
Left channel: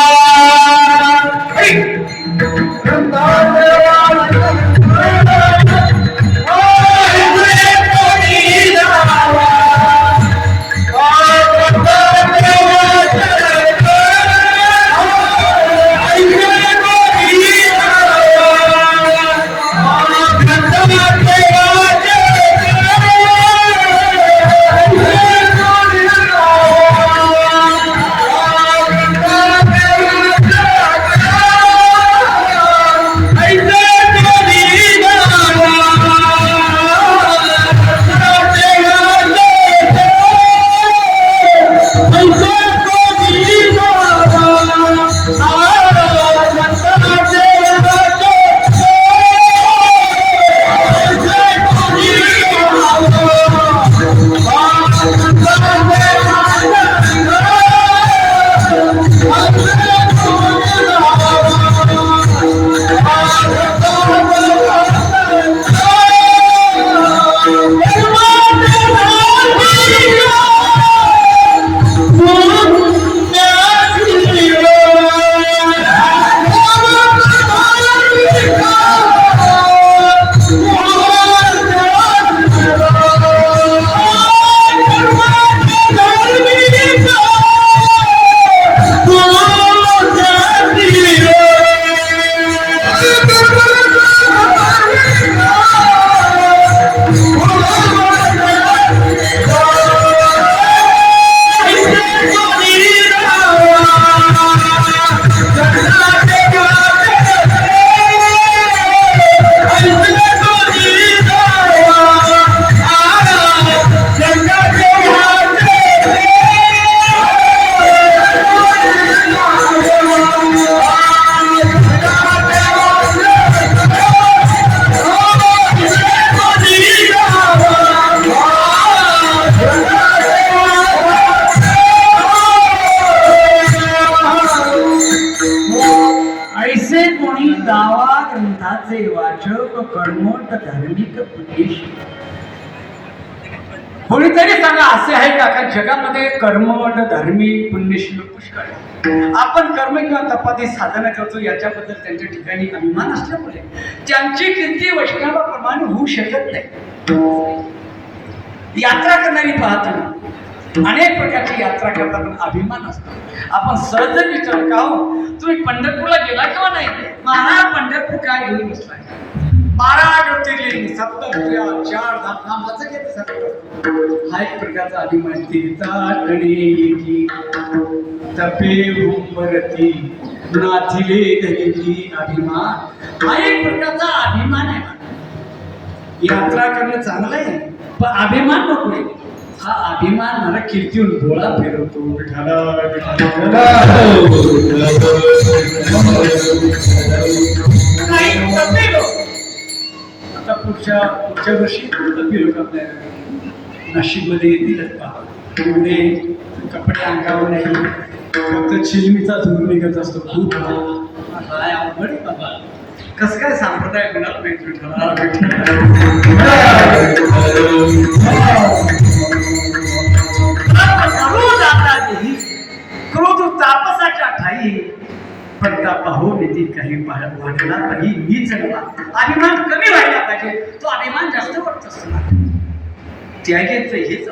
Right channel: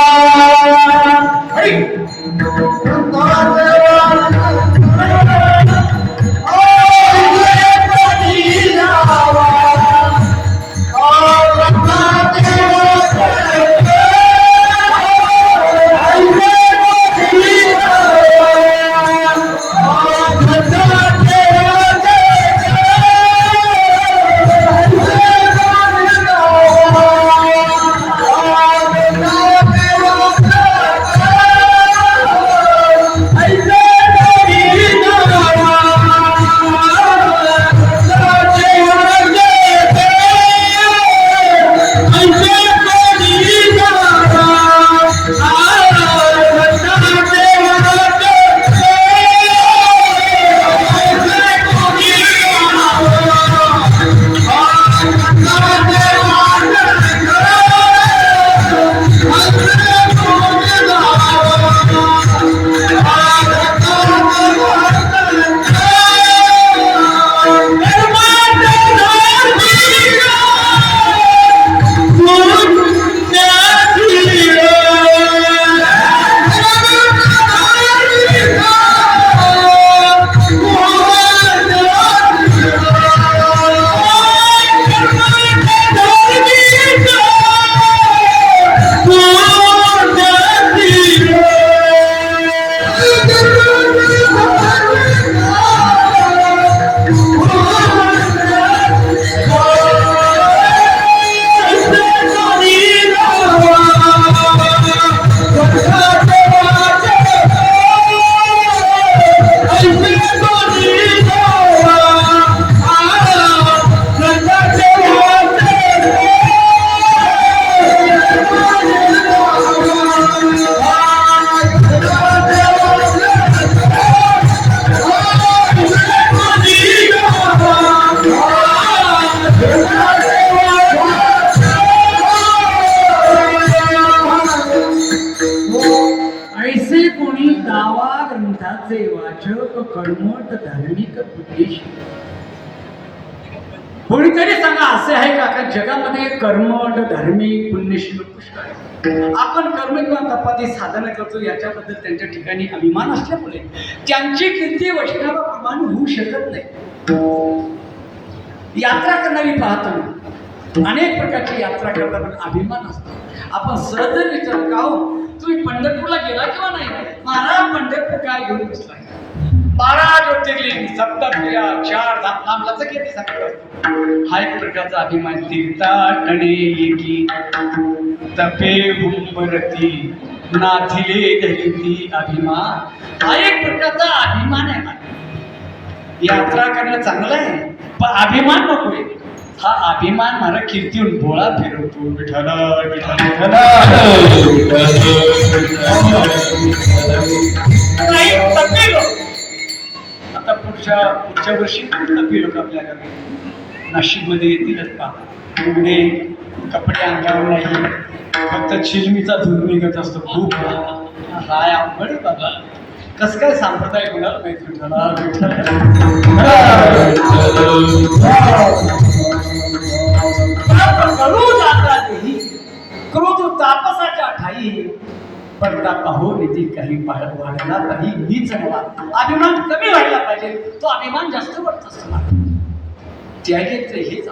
तो कर्मठ धार्मिक पुण्यशील. कोणीतरी सांगा असे आहे का का जगामध्ये कर्मठ धार्मिक पुण्यशील पुष्कळ आहे. आपण कर्म किंवा तपाती साधना करतो याच्याबद्दल त्यांच्या ठिकाणी अभिमान असल्यामुळे त्यांची कीर्ती वैष्णवाप्रमाणे होऊ शकत नाही. यात्रा करणारी पाहताना अनेक प्रकारची यात्रा करताना अभिमान असतो. आपण सहज विचार का हो तुम्ही पंढरपूरला गेला किंवा नाही. महाराज पंढरपूर काय घेऊन बसलाय. 12 ज्योतिर्लिंग 7 4 धाम कसं किती सांगतो. हा एक प्रकारचा अभिमान. तीर्थाटणे एकी तपे हुंबरती नाथिले धरिती अभिमान. हा एक प्रकारचा अभिमान आहे. यात्रा करणं चांगलं आहे पण अभिमान नकोय. हा अभिमान मला कीर्तीहून बोळा फिरवतो. विठाला विठाला आता पुढच्या वर्षी तपी लोक आपल्याकडे नाशिकमध्ये येतीलच का. पुढे कपडे अंगावर नाही फक्त चिलमीचा धूर निघत असतो. खूप हाय अवघड आहे बाबा. कसं काय संप्रदाय कोणाला माहित. विठाला क्रोध तापसाच्या ठाई पडता पाहून येते काही वाढला काही नीच मला. अभिमान कमी व्हायला पाहिजे. तो अभिमान जास्त वाटत असतो. त्यागेच हेच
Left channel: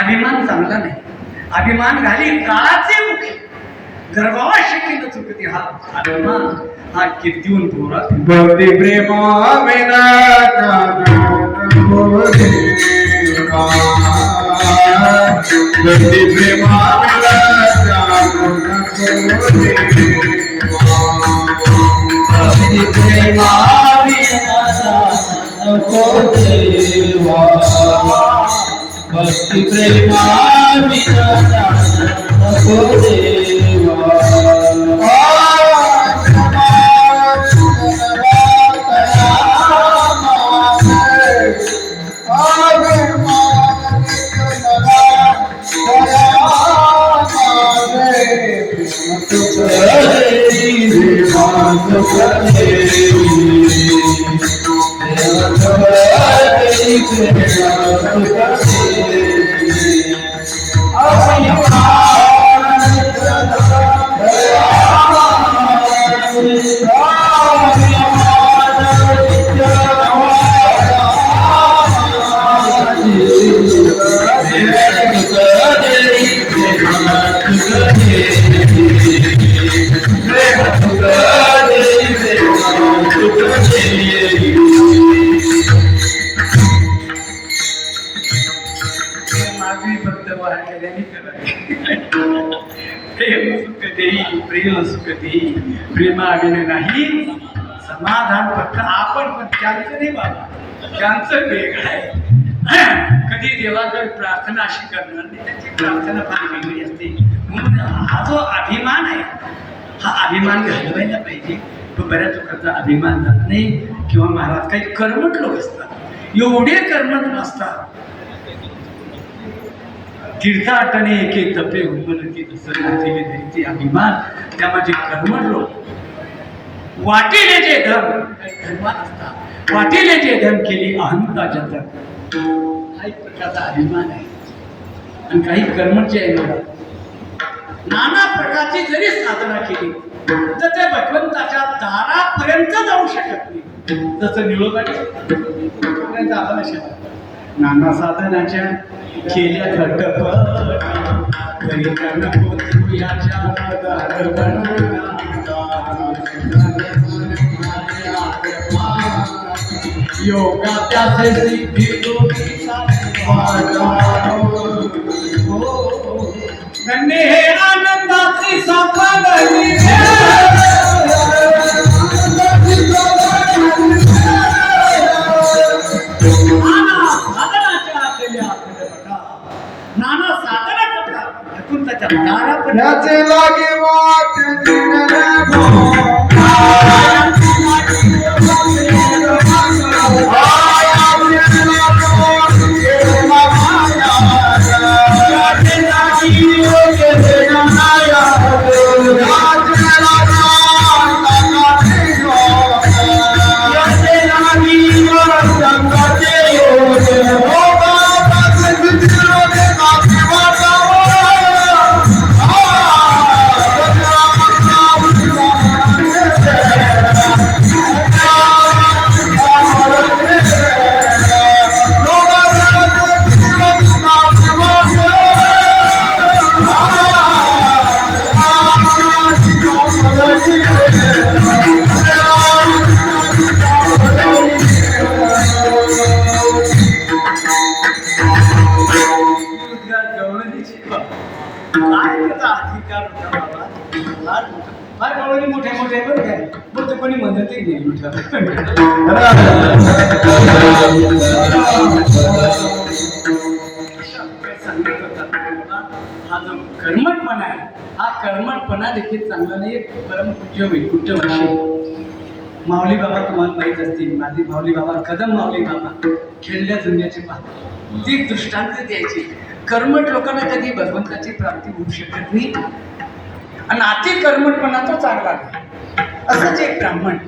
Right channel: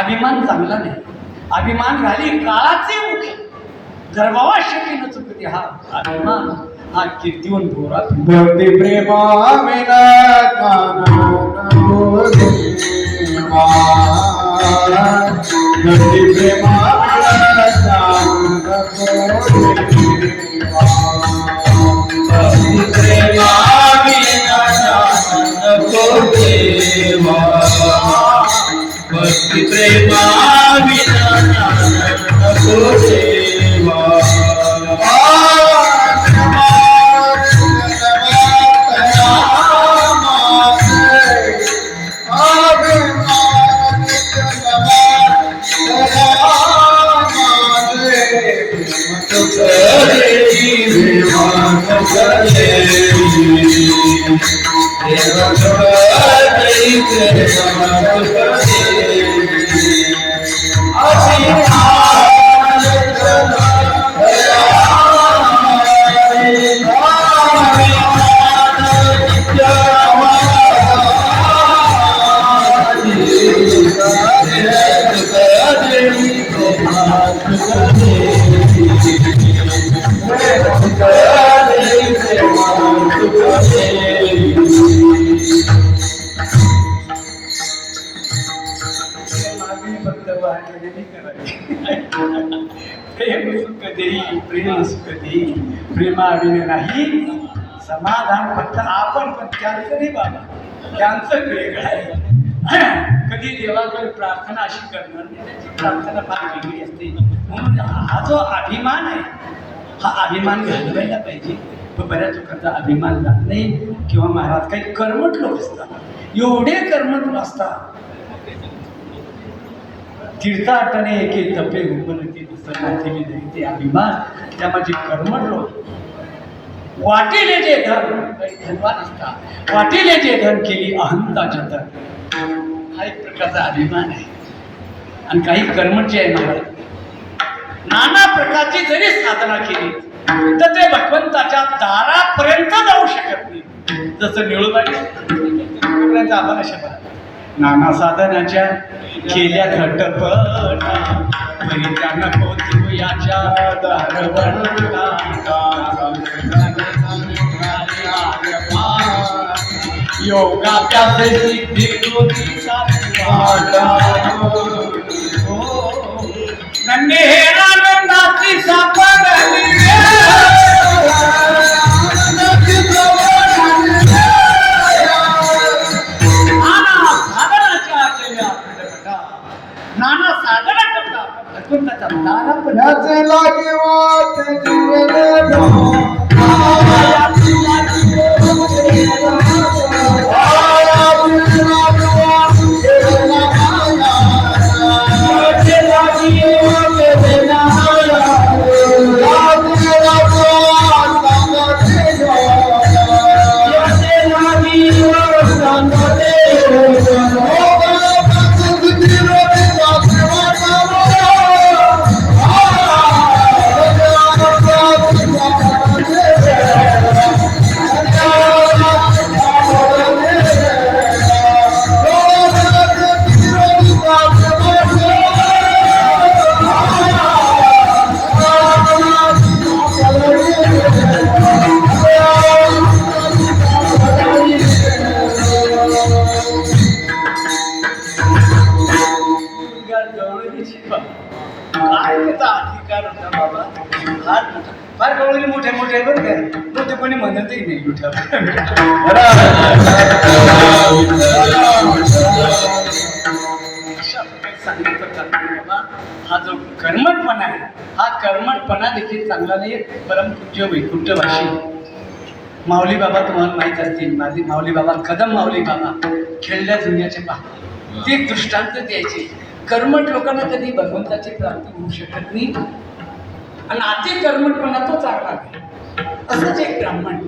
अभिमान चांगला नाही. अभिमान घाली काळाचे मुखे गर्भावा शक्य न चुकते. हा अभिमान हा कीर्तीहून बोरा भक्ती प्रेमा विना भक्ती प्रेमा भक्ती प्रेमा भक्ती प्रेमा विना प्रेम सुख देई प्रेमाविने नाही समाधान फक्त आपण. पण त्यांचं नाही बाबा. त्यांचं वेगळं आहे. कधी देवाकडे प्रार्थना अशी करणार नाही. त्यांची प्रार्थना फार वेगळी असते. म्हणून हा जो अभिमान आहे हा अभिमान घालवायला पाहिजे. तो बऱ्याच लोकांचा अभिमान जात नाही. किंवा महाराज काही कर्मठ लोक असतात. एवढे कर्मठ असतात. तीर्थाटने एके तपे हुंबरती नाथिले धरिती अभिमान. त्यामध्ये कर्मठ लोक वाटेले जे धन धनवान असतात. वाटेले जे धन केली अहंता जतन. हा एक प्रकारचा अभिमान आहे. आणि काही कर्मठ जे आहे महाराज नाना प्रकारची जरी साधना केली तर ते भगवंताच्या दारापर्यंत जाऊ शकत नाही. जसं निळोबाई आम्हाला शकत. नाना साधनाच्या केल्या घटपट परित्याग होती याच्या योगाभ्यासे सिद्धी धन्य हे आनंदाची सापडली नाना साधना करतात. भगवंताच्या दारापर्यंत लागे वाट काय त्याचा अधिकार होता बाबा? फार गवळी मोठे मोठे बरं काय, मोठे कोणी म्हणतही नाही विठ्ठल. सांगितलं जातं बाबा, हा जो कर्मठपणा आहे, हा कर्मठपणा देखील चांगला नाही. परमपूज्य वैकुंठवासी माऊली बाबा तुम्हाला माहीत असतील, माझे माऊली बाबा कदम माऊली बाबा खेळल्या दुनियाचे पहा, ते दृष्टांत द्यायचे. कर्मठ लोकांना कधी भगवंताची प्राप्ती होऊ शकत नाही आणि अति कर्मठपणा तो चांगला नाही. असंच एक ब्राह्मण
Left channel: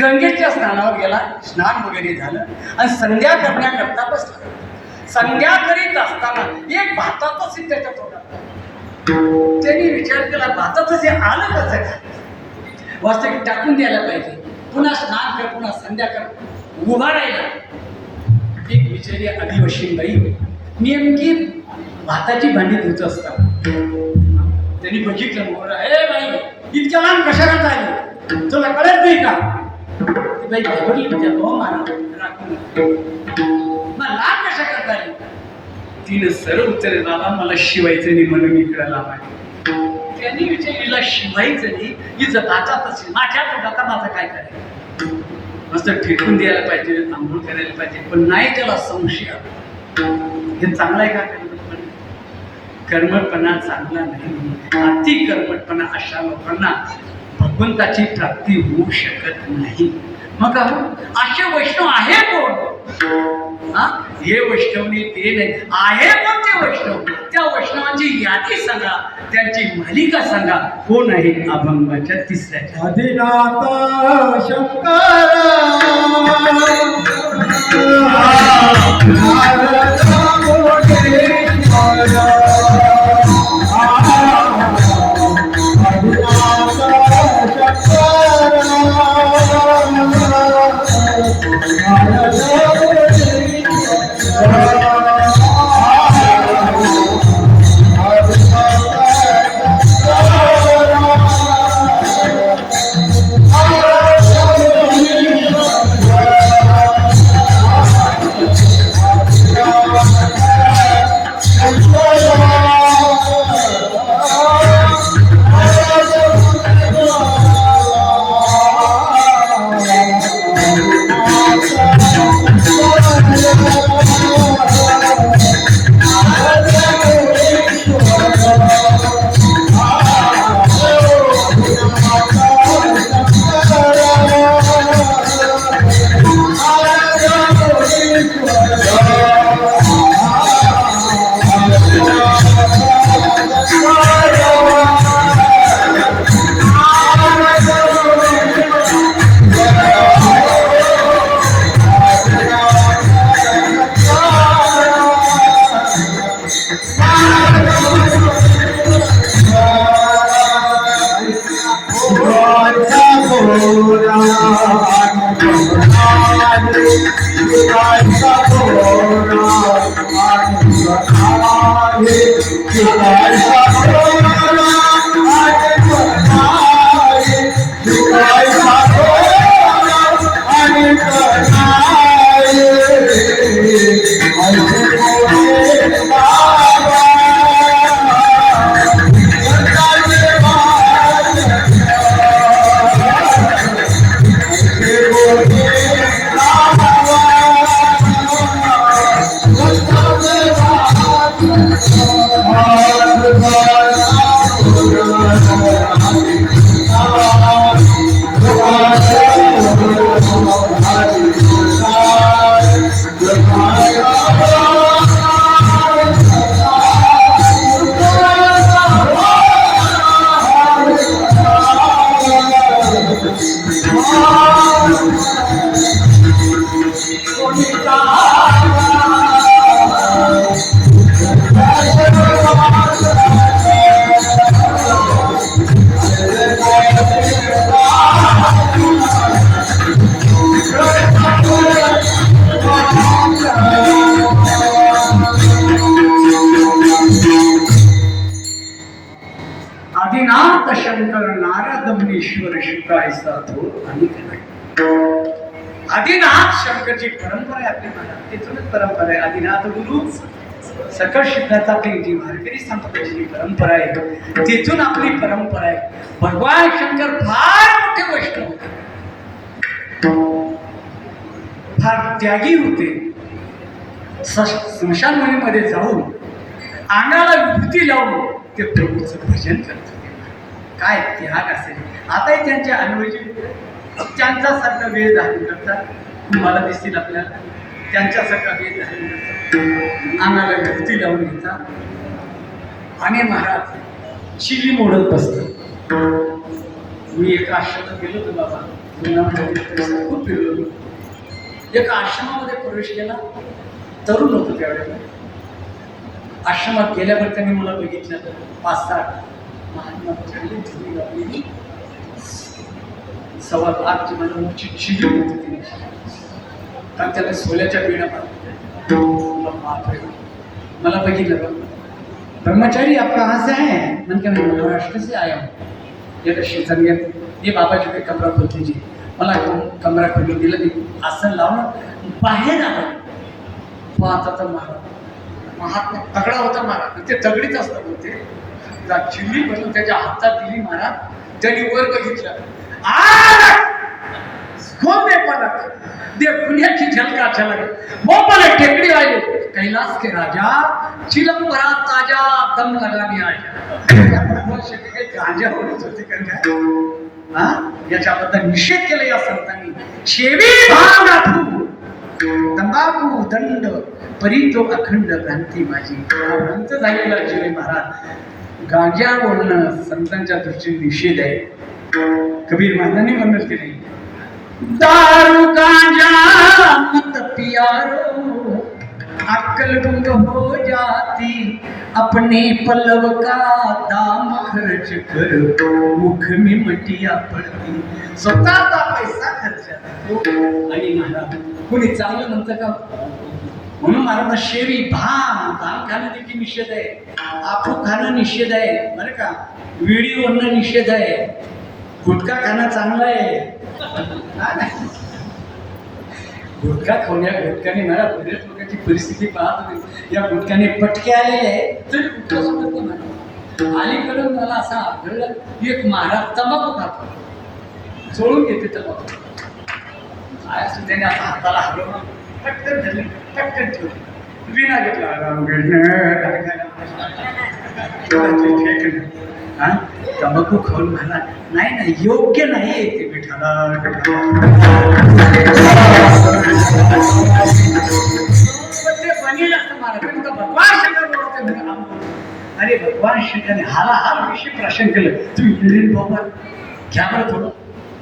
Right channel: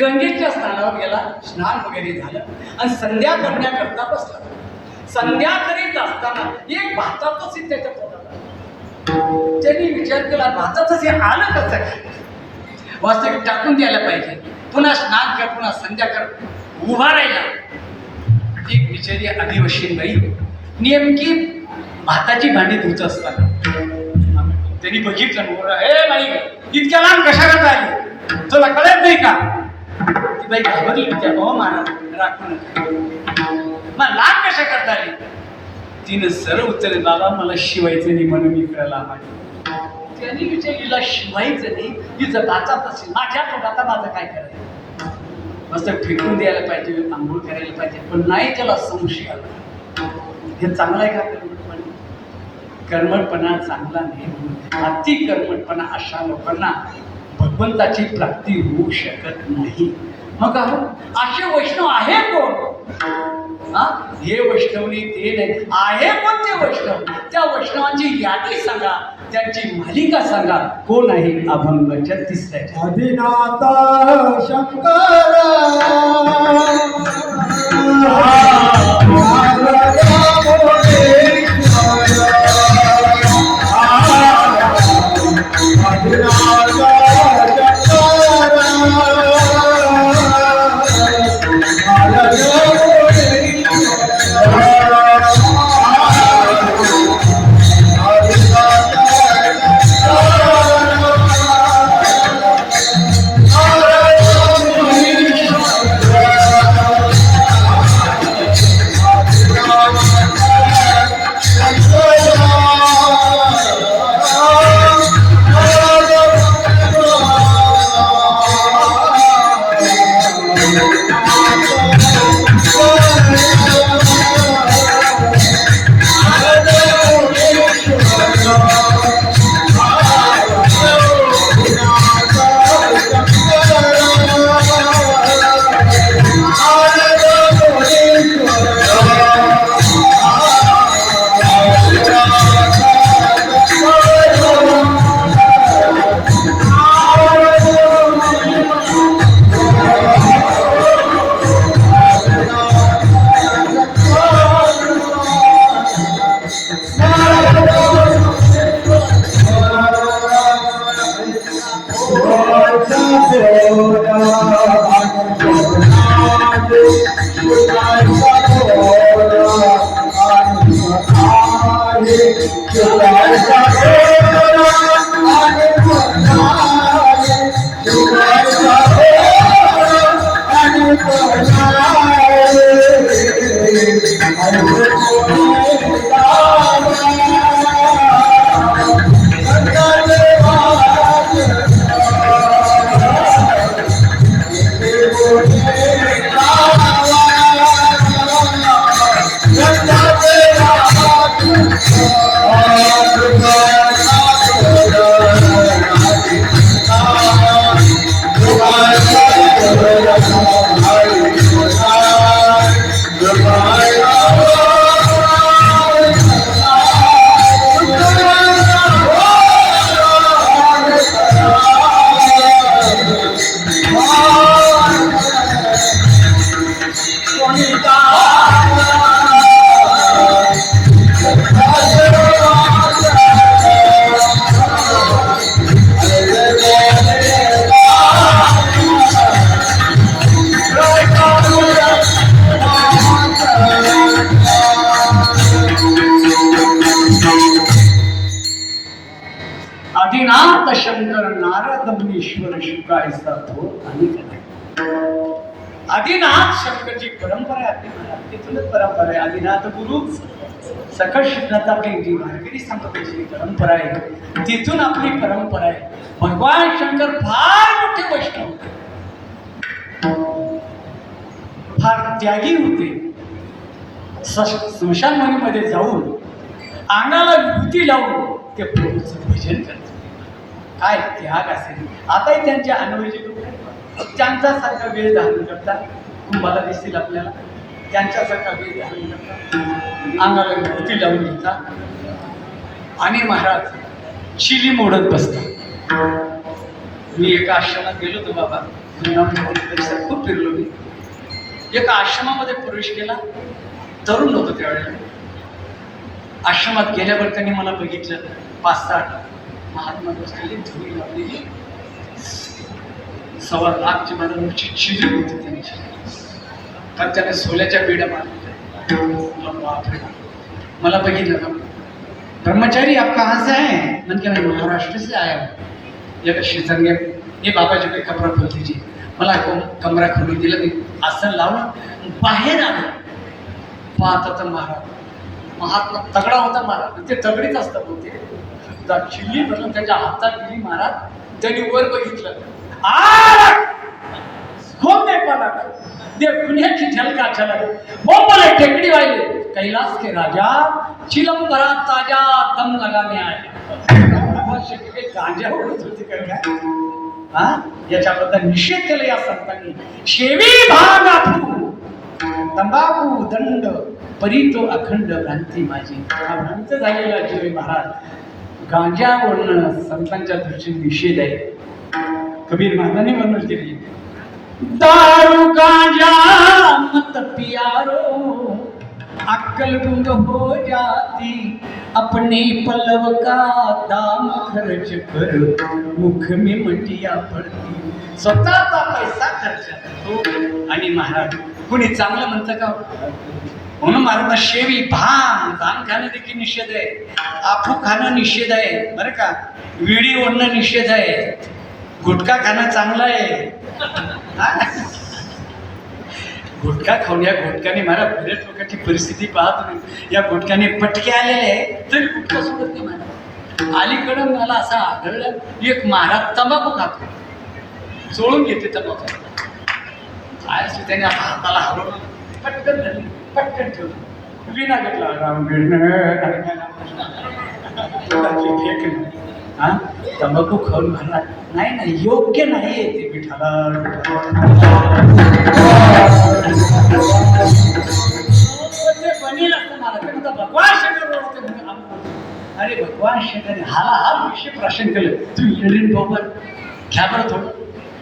गंगेच्या स्नानावर गेला, स्नान वगैरे झालं आणि संध्या करण्याकरता बसला. संध्या करीत असताना एक भातातच त्याच्यात होता. त्यांनी विचार केला, भातातच हे आलं कसं काय? वास्तविक टाकून द्यायला पाहिजे. पुन्हा स्नान कर, पुन्हा संध्या कर, उभा राहिला. एक बिचारी आदिवासी बाई नेमकी भाताची भांडी धुत असतात. त्यांनी बघितलं, ए बाई इतक्या लहान कशा करता आली, तुला कळत नाही का? ती बाई घाबरली, त्या हो महाराज राखून मला लहान कशा करता आली. तिने सरळ उत्तर, बाबा मला शिवायचं नाही म्हणून इकडे लावायचं. त्यांनी विचारलेला शिवायचं नाही, हिचं भातात असेल, माझ्या पोटात माझं काय करायचं? मस्त फेकून द्यायला पाहिजे, आंघोळ करायला पाहिजे, पण नाही त्याला संशय आला. हे चांगलं आहे का कर्मठपणा? कर्मठपणा चांगला नाही. अति कर्मठपणा अशा लोकांना भगवंताची प्राप्ती होऊ शकत नाही. मग असे वैष्णव आहे कोण? हे वैष्णवनी ते नाही, आहे कोणते वैष्णव? त्या वैष्णवांची यादी सांगा, त्यांची मालिका सांगा. कोण आहे? अभंगाच्या तिसऱ्या आदिनाथ शंकर कोणी ईश्वर शुक्रायचा तो आणि आदिनाथ शंकरची परंपरा आहे आपली महाराज. तिथूनच परंपरा आहे. आदिनाथ गुरु सकळ सिद्धांत आपली जी वारकरी संप्रदायाची जी परंपरा आहे तिथून आपली परंपरा आहे. भगवान शंकर फार मोठे वैष्णव होते, फार त्यागी होते. स्मशानभूमीमध्ये जाऊन अंगाला विभूती लावून ते प्रभूचं भजन करत होते. काय त्याग असेल. आताही त्यांचे अनुभवी लोक त्यांचा सारखा वेळ धारण करतात. तुम्हाला दिसतील आपल्याला त्यांच्यासारखा वेळ धारण करतात, अंगाला विभूती लावून घेतात आणि महाराज शिली मोडत बसतात. मी एका आश्रमात गेलो होतो बाबा, जुनागड खूप फिरलो मी. एका आश्रमामध्ये प्रवेश केला, तरुण होतो त्यावेळेला. आश्रमात गेल्यावर त्यांनी मला बघितलं, 5-6 महात्मा बसलेली, धुळी लावलेली, 1.25 लाखची मला मोठी चिली होती त्यांची. तर त्याने सोल्याच्या बेड्या मारल्या. बापरे, मला बघितलं का, ब्रह्मचारी आप कहाँ से आए? मन के मैं महाराष्ट्र से आया हूँ. एक शेजारी ये बाबाजी काही कमरा खोल दीजिए. मला कमरा खोलून दिला. मी आसन लावून बाहेर आलो. पाहता तर महात्मा तगडा होता महाराज. ते तगडीच असतं होते. चिल्ली बदलून त्याच्या हातात दिली महाराज. त्यांनी वर बघितलं, खोल दे पलक, दे दुनियाची झलका झलक, वो बोले टेकड़ी वाले कैलाश के राजा, चिलम भरा ताजा दम लगाने आया. गांजा ओढत होते का हा, याच्याबद्दल निषेध केला या संतांनी. शेवी भाव नाथू तंबाखू दंड परी तो अखंड भ्रांती माझी. भ्रांत झालेला जीवे महाराज. गांजा ओढणं संतांच्या दृष्टीने निषेध आहे. कबीर महाराजांनी वर्णन केले, दारू गांजा मत पियारो, अक्कल गुंग हो जाती, अपने पल्लव का दाम खर्च कर, मुख में मटिया पडती. स्वतःचा पैसा खर्च करतो. आणि महाराज कुणी चांगलं म्हणतं का? म्हणून महाराज शेवी भान दान खाणं देखील निषेध आहे. आफू खाणं निषेध आहे बरं का. विडी ओढणं निषेध आहे. गुटखा खाणं चांगलं आहे. गुटखा खाऊन या गुटखाने महाराज बरेच लोकांची परिस्थिती पाहतो. या गुटखाने पटके आलेले आहे तरी गुटखा सोडत नाही महाराज. अलीकडं मला असं आढळलं, एक महाराज तंबाखू खातो, चोळून घेते तंबाखू. काय असं त्याने आता हाताला हलवलं, पटकन धरली, पटकन ठेवली, विना घेतला फेकलं. हा, तंबाखू खाऊन म्हणणार नाही नाही, योग्य नाही ते विठाला. ते बनेल असतं मला भगवान शंकर बोलतो. अरे भगवान शंकरने हा विषय प्राशन केलं. तू इंडियन बाबा घ्या बरं थोडं,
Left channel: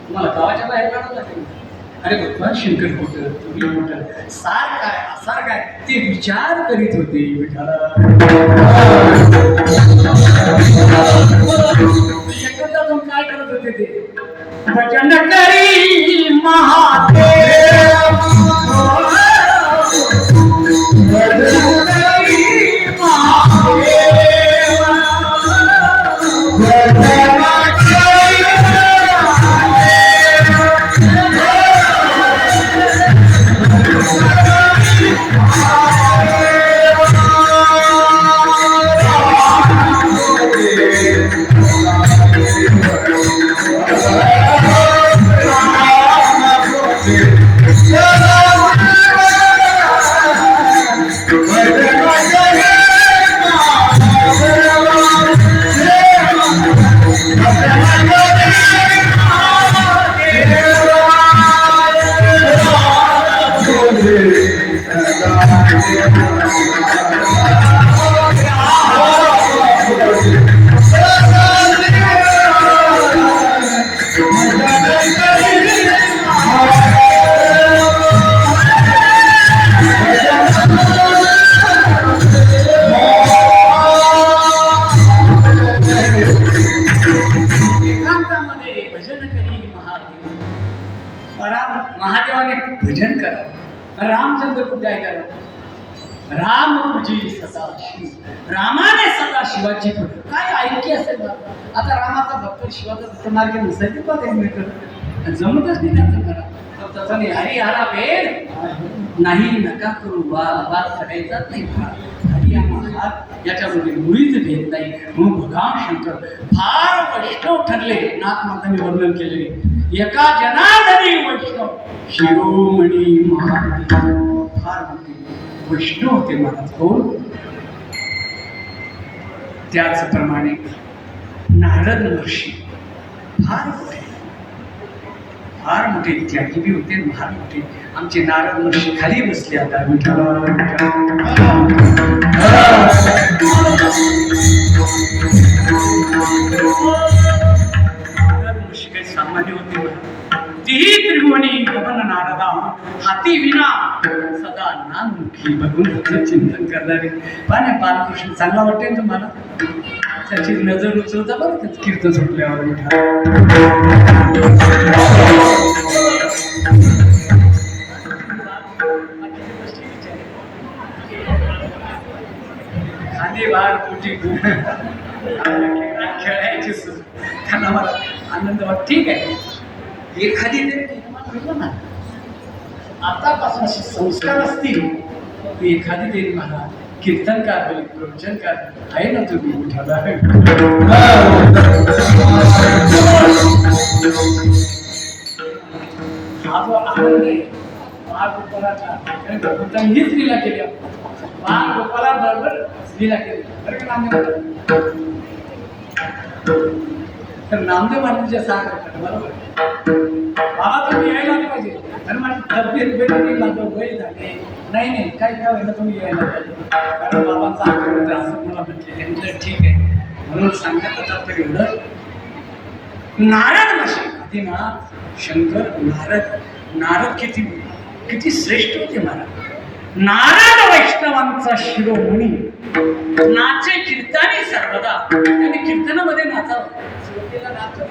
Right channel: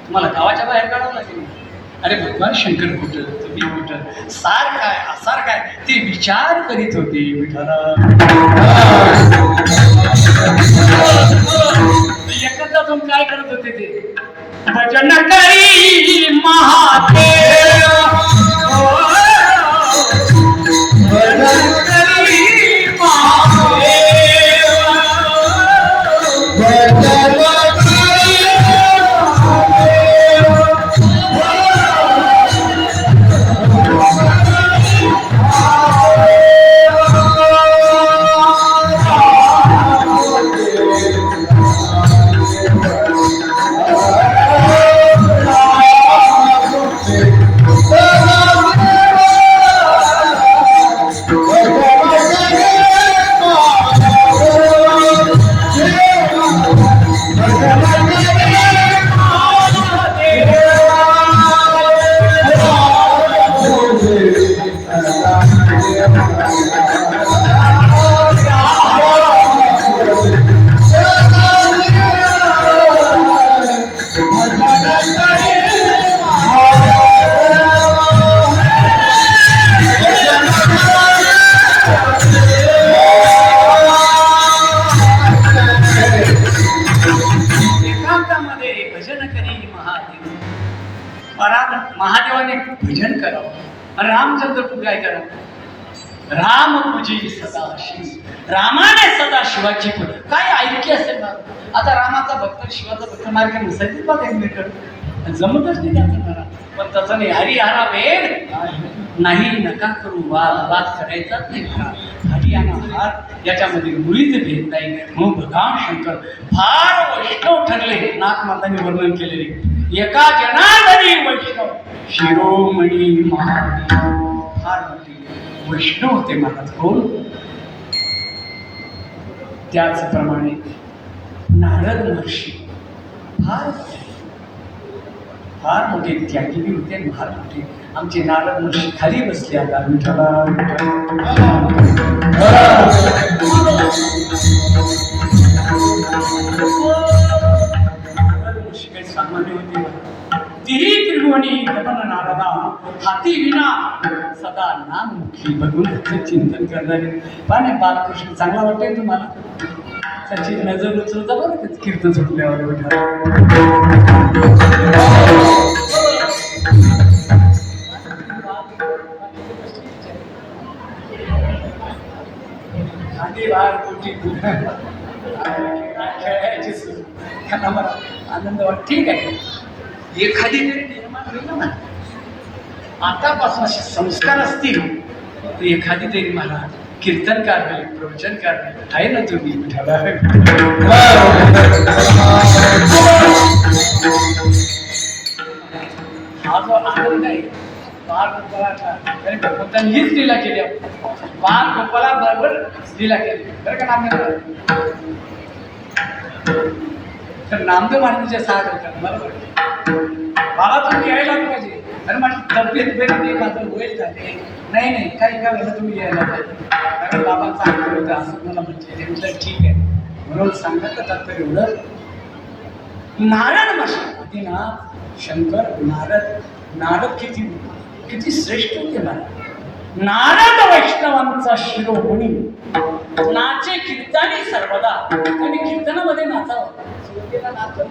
तुम्हाला गावाच्या बाहेर काढावं लागेल. अरे भगवान शंकर कुठं, तुम्ही कुठं, सार काय असार काय ते विचार करीत होते विठाला. एकदा जाऊन काय करत होते ते भजन करी महादेव, भजन करी महादेव, भजन महादेवाने भजन करावं. रामचंद्र काय करा, राम पूजी सदाशिव, रामाने सदा शिवाची पूजा. काय ऐक्य असेल ना. आता रामाचा भक्त शिवाचा भक्त मार्ग नसायचे बा काही जमतच नाही त्यांचं मला. पण तसं नाही. हरी हरा वेद नाही, नका करू वाद करायचाच नाही. हरी आणि हार याच्यामध्ये मुळीच भेद नाही. म्हणून भगवान शंकर फार वैष्णव ठरले. नाथमातांनी वर्णन केलेले एका जनार्दनी वैष्णव शिरोमणी महाराज फार मोठे वैष्णव होते महाराज. कोण? त्याचप्रमाणे नारद महर्षी फार मोठे फार मोठे त्यागी बी होते. फार मोठे आमचे नारद महर्षी खाली बसले. आता विठ्ठला नारद महर्षी काही सामान्य होते. तिही त्रिभुवनी गगन नारदा हाती विना सदा नानमुखी भगवंताचं चिंतन करणारे. पाण्या बालकृष्ण चांगला वाटेल तुम्हाला. त्याची नजर उचलता बरं का कीर्तन सुटल्यावर विठ्ठल. खाली बाहेर कुठे खेळायची त्यांना मला आनंद वाट. ठीक आहे, एखादी तरी निर्माण होईल ना. आतापासून असे संस्कार असतील तर एखादी तरी महाराज कीर्तनकार होईल, प्रवचनकार आहे ना तुम्ही. हा जो आनंद आहे बाळ गोपाळाचा भगवंतांनी हीच लीला केली. बाळ गोपाळा बरोबर लीला केली बरं का. नामदेव तर नामदेव महाराजांच्या साथ होतात बरोबर. बाबा तुम्ही यायला पाहिजे. आणि माझी तब्येत बरी, माझं वय झाले. नाही नाही काही काय झालं तुम्ही यायला पाहिजे. कारण बाबांचा आग्रह होता असं मला म्हटले. म्हटलं ठीक आहे. म्हणून सांगायचं तात्पर्य एवढं. नारद महर्षी आदिनाथ शंकर नारद किती श्रेष्ठ होते महाराज. नारद वैष्णवांचा शिरोमणी नाचे कीर्तनी सर्वदा. त्यांनी कीर्तनामध्ये नाचावं. सुरुवातीला नाचत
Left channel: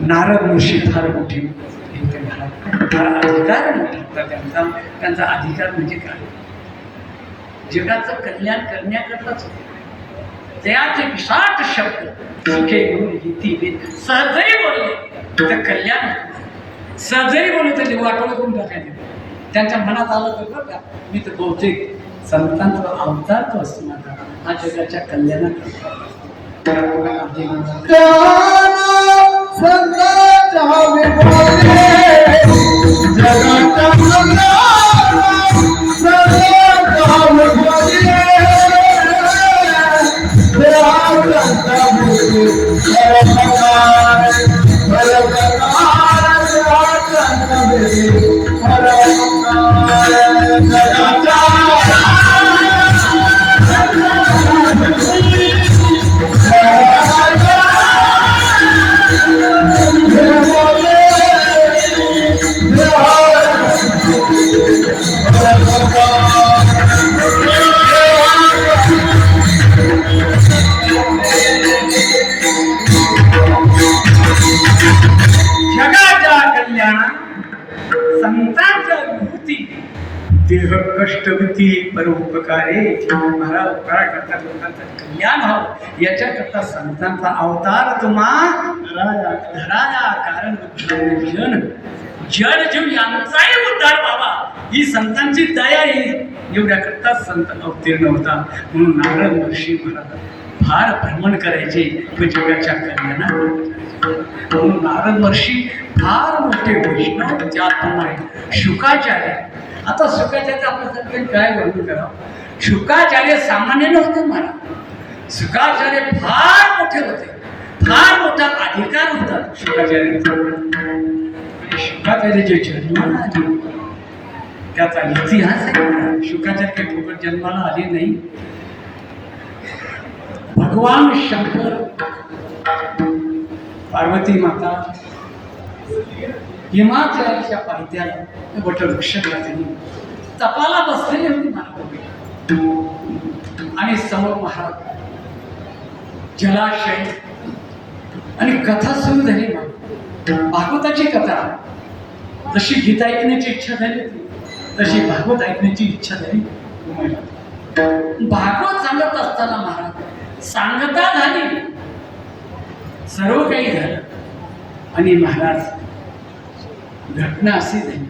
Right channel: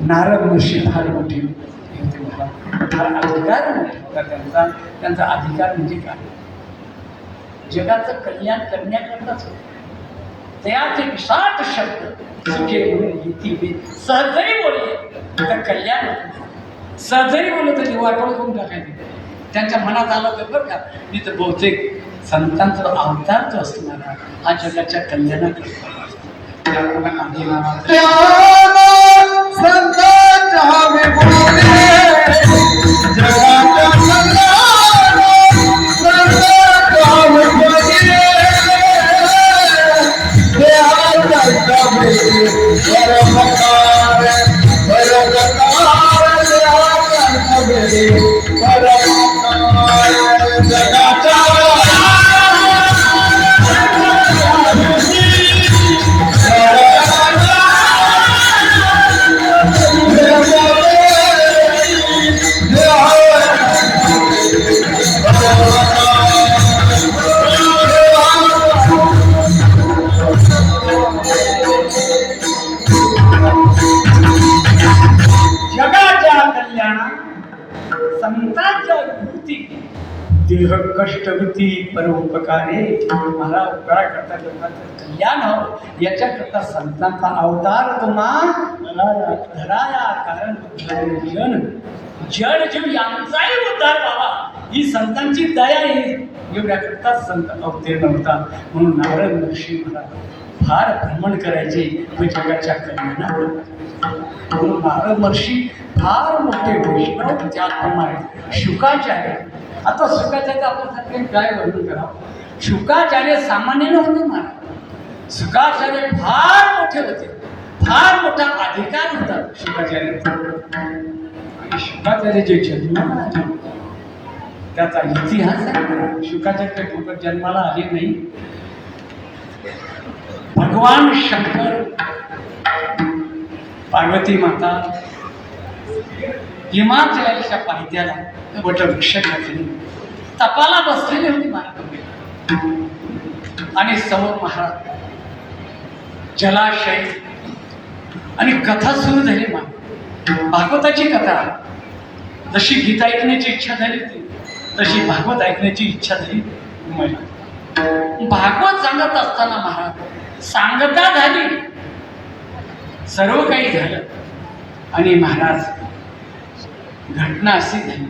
नारद महर्षी फार मोठी होते महाराज. फार अधिकार मोठा त्यांचा अधिकार म्हणजे काय? जगाचं कल्याण करण्याकरताच त्याचे विशाट शब्द सुखे म्हणून हिती सहजही बोलले तर कल्याण होतं. सहजही बोलले तर वाटोळ करून टाकायचे. त्यांच्या मनात आलं तर बरं का. मी तर बहुतेक संतांचा अवतार जो असतो मला हा जगाच्या कल्याणाकरता. देह कष्टवृत्ती परोपकारे. महाराज उपकार करतात, लोकांचं कल्याण व्हावं याच्याकरता संतांचा अवतार तुम्हा धराया. कारण जन जीव यांचाही उद्धार व्हावा ही संतांची दया येईल एवढ्याकरता संत अवतीर्ण होता. म्हणून नारद महर्षी महाराज फार भ्रमण करायचे व जगाच्या कल्याणाकरता. म्हणून नारद महर्षी फार मोठे वैष्णव त्याप्रमाणे शुकाचार्य. आता शुकाचार्य आपल्यासाठी काय वर्णन करावं. शुकाचार्य सामान्य नव्हते महाराज. शुकाचार्य फार मोठे होते. फार मोठा अधिकार होता शुकाचार्याचा. आणि शुकाचार्याचे जन्माला आले त्याचा इतिहास आहे. शुकाचार्य काही फुकट जन्माला आले नाही. भगवान शंकर, पार्वती माता हिमाचलाच्या पायथ्याला वटवृक्षाखाली तपाला बसलेले होते महाराज. आणि समोर महाराज जलाशय आणि कथा सुरू झाली भागवताची कथा. जशी गीता ऐकण्याची इच्छा झाली होती तशी भागवत ऐकण्याची इच्छा झाली मला. भागवत सांगत असताना महाराज सांगता झाली, सर्व काही झालं आणि महाराज घटना अशी झाली